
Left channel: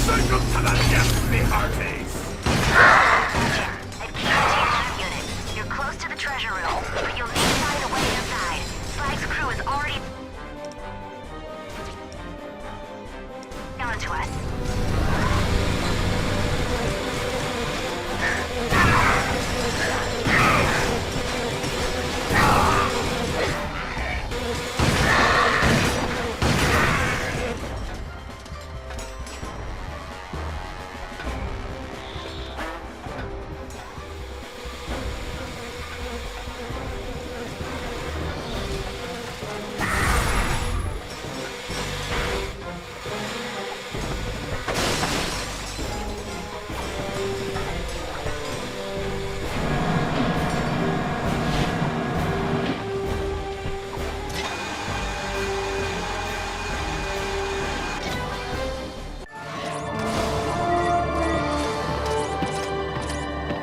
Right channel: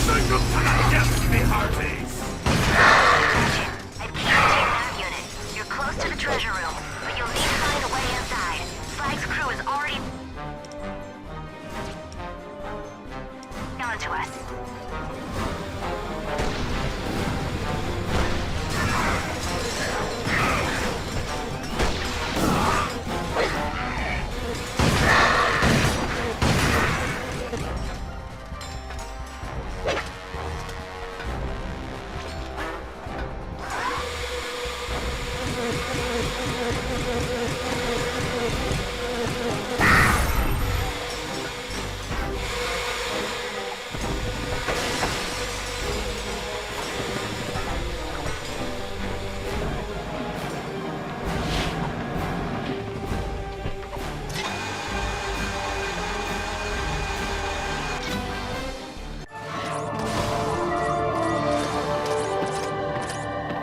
Sink 'em to the depths, me hearties! I can't take that unit. You're close to the treasure room, but you'll need to find a way inside. Slag's crew is already on to us.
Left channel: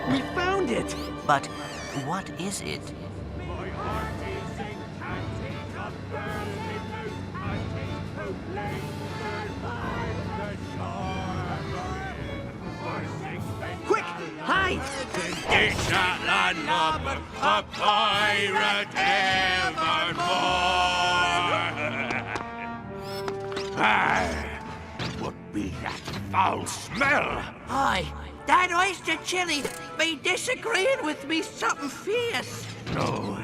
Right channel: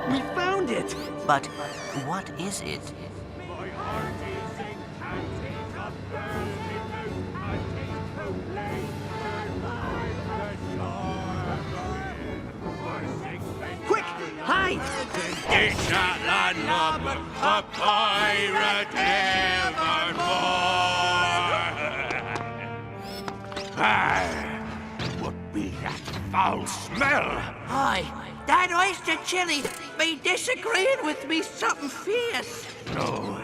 We found it! But what is it? Quick, hide! It's not land of a pirate evermore! Ah, what be that foul smell? Aye, that oyster chili be disagreeing with me something fierce. No,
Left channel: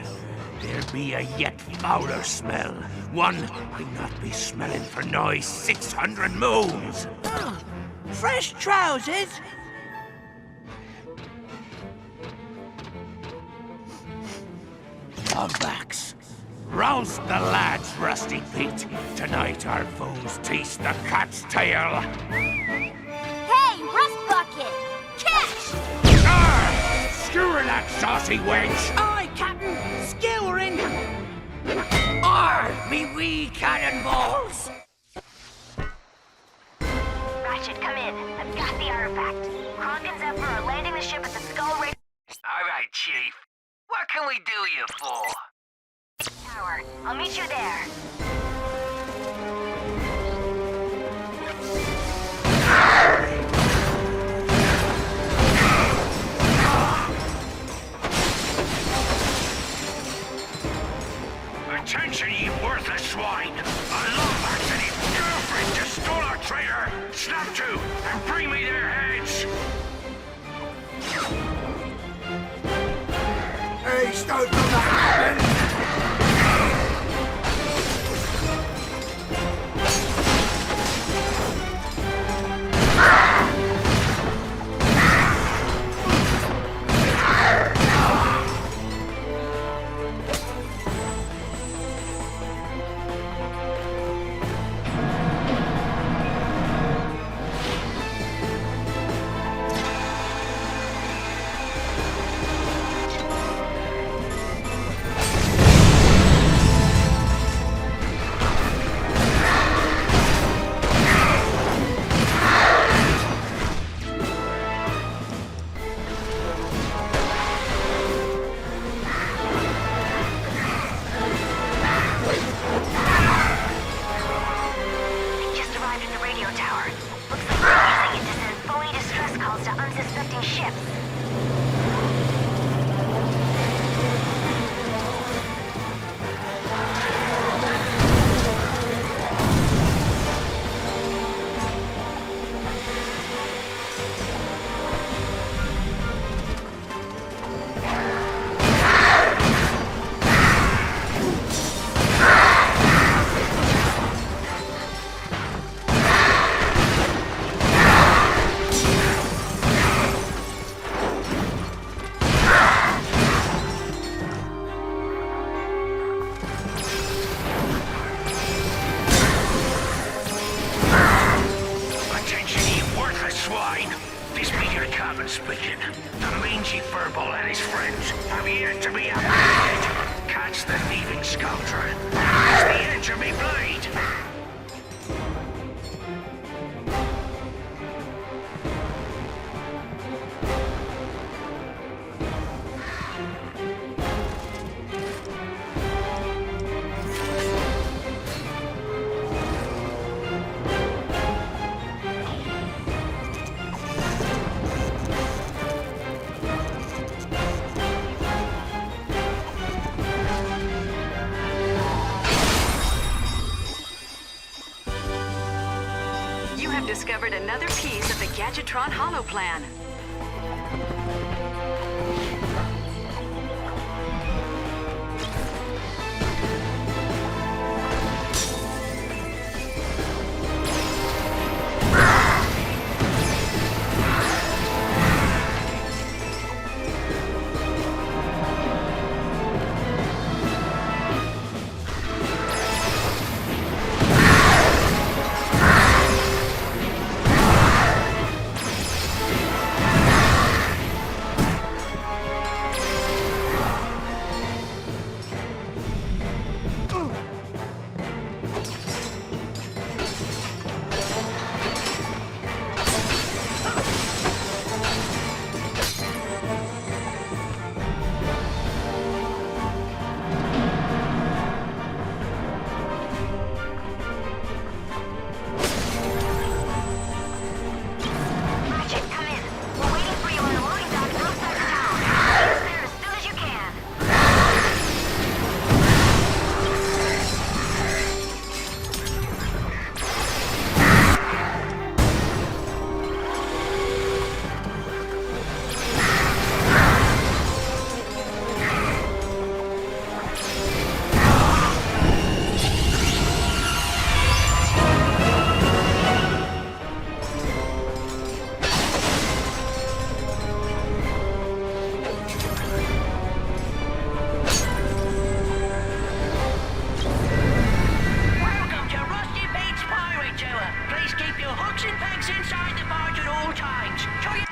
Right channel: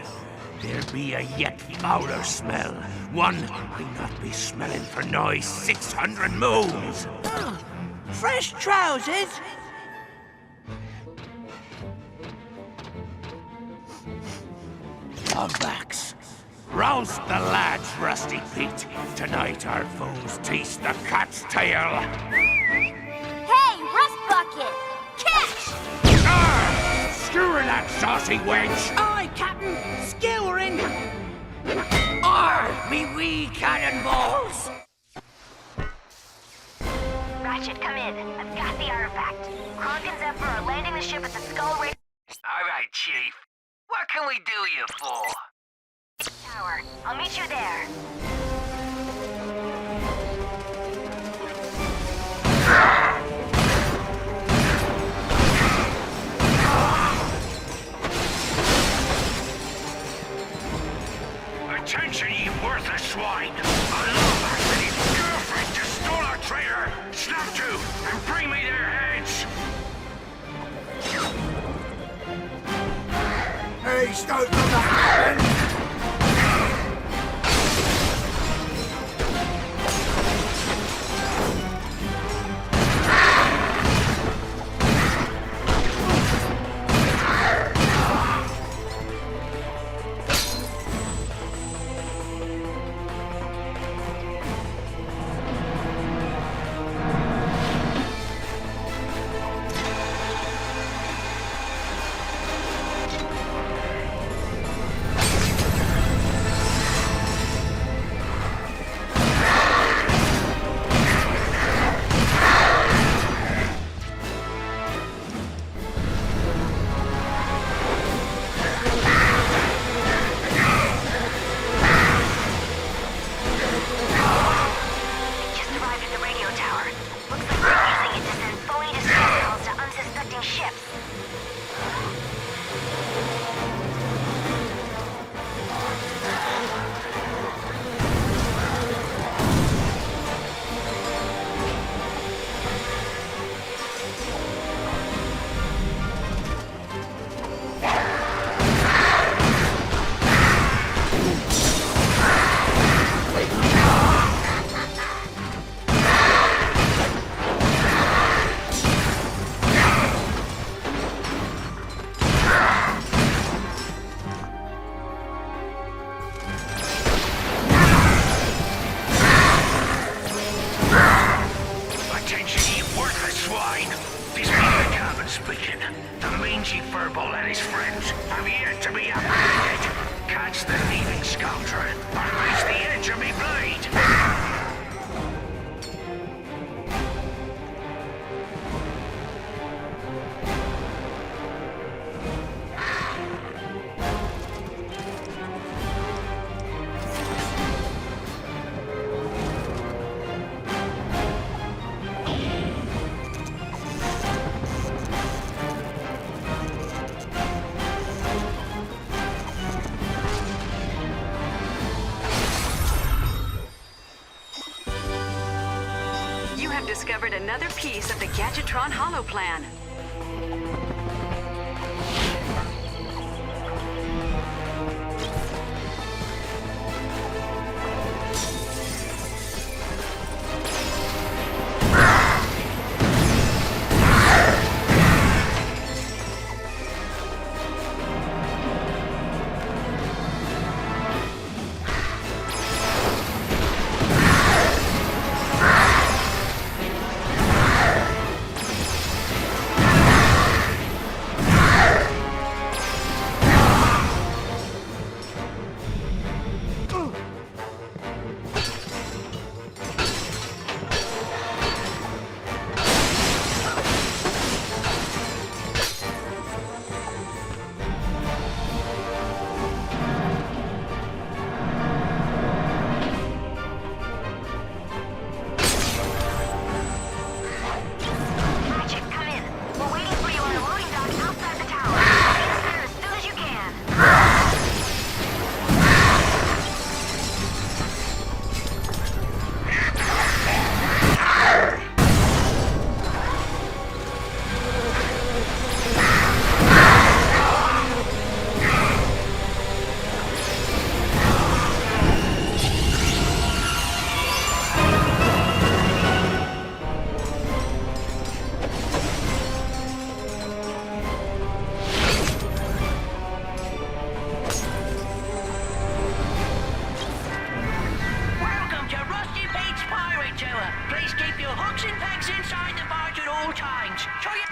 there be a yet fouler smell. One I not be smelling for nigh 600 moons. Oh, fresh trousers? Humpbacks. Rouse the lads, Rusty Pete. Tonight our foes taste the cat's tail. Hey, Rust Bucket! Catch! Arr! Skewer that saucy wench! Aye, Captain, skewering. Arr! Me wee cannonballs! Ratchet, come in. I've got the artifact. Kronk and Zephyr are landing the ship at the Skull Ridge All right, Chief. What can we do you for? Tower. I'll meet you there. Attention, ye worthless swine! A Lombax and his girlfriend just stole our trailer! Snap to, and bring me their heads! Hey, stole from the happen! Speaking, the mangy furball and his friends have yet to be apprehended. Catch the thieving scoundrel, it's the edge of me blade. Discovered another piece of the Gadgetron Hollow Plan. Ratchet, come in. We're waiting for you on the loading dock outside the tower. Get us there as soon as you can. Please keep your hooks and pegs inside the barge at all times. To your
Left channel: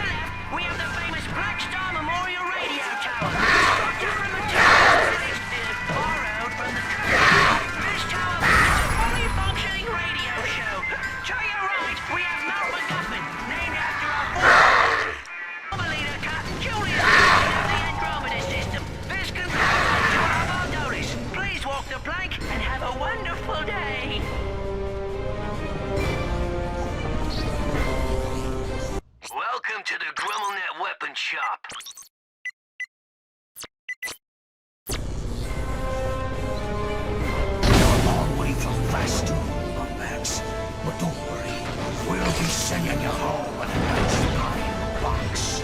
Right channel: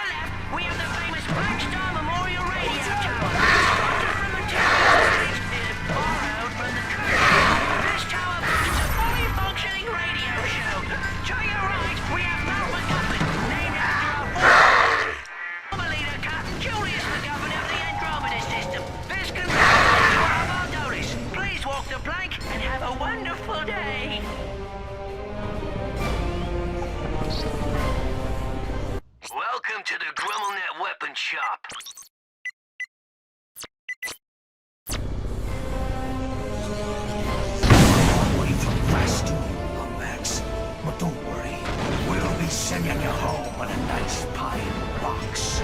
left, we have the famous Black Star Memorial Radio Tower. Constructed from materials borrowed from the crew. This tower boasts a fully functioning radio show. To your right, we have Mount MacGuffin, named after our former leader, Captain Julius MacGuffin of the Andromeda System. This concludes our notice. Please walk the plank and have a wonderful day. Welcome to the GrummelNet Weapon Shop. sending you home in a nice pine box.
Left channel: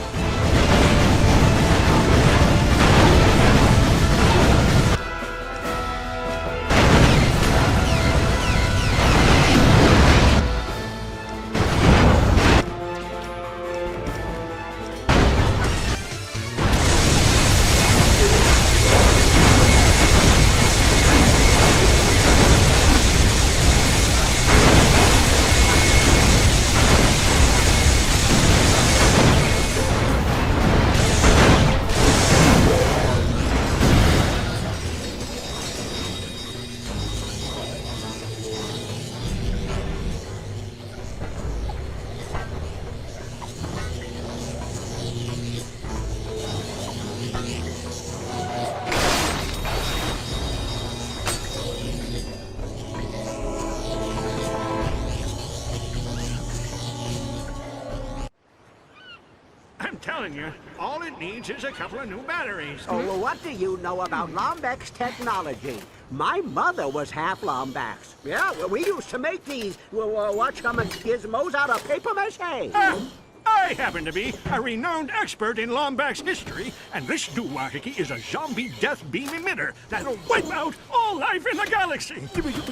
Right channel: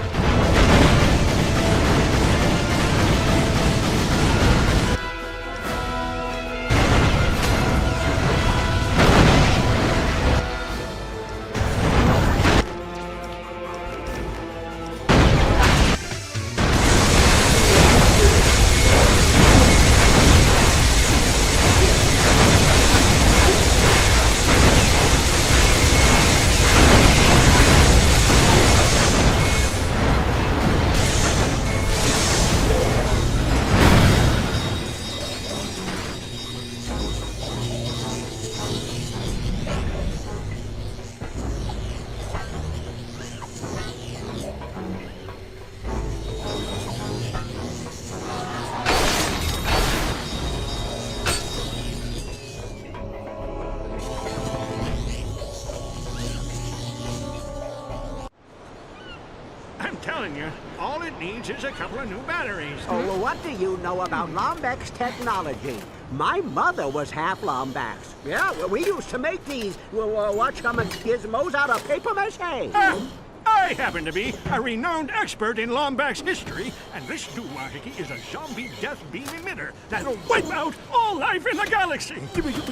I'm telling you, all it needs is a couple of new batteries. Oh, well, what do you know about Lombax technology? My mother was half Lombax. Yeah, well, we used to make these, gizmos out of paper mache. I happen to be a renowned expert in Lombax history, and this doohickey is a zombie death beam emitter that'll wipe out all life in the galaxy.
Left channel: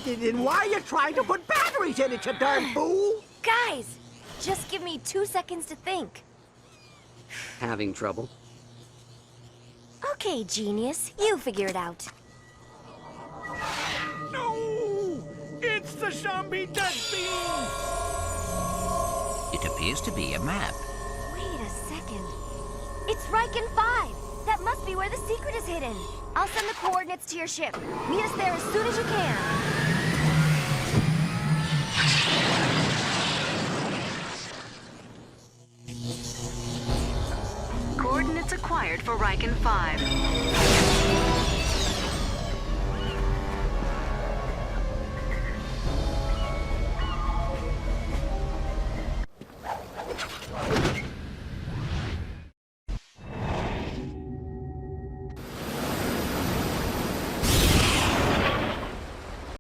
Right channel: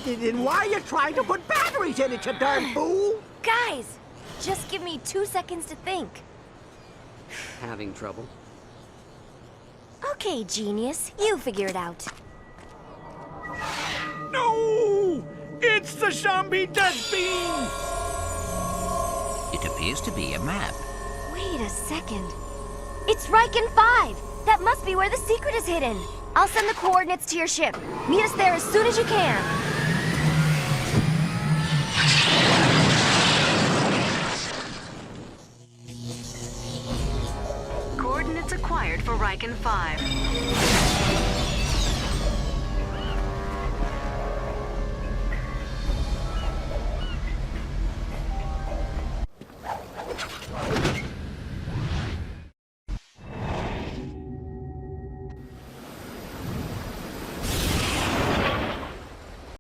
Then why are you trying to put batteries in it, you darn fool? Guys, just give me 2 seconds to think. Having trouble? Okay, genius, you figure it out. No! It's the zombie death beam! It appears to be a map. Wait a second. It's Riken 5! That must be where the secret is hidden. I'll send the coordinates to your ship. Meet us there as soon as you can. Coordinates acquired for Riken 5.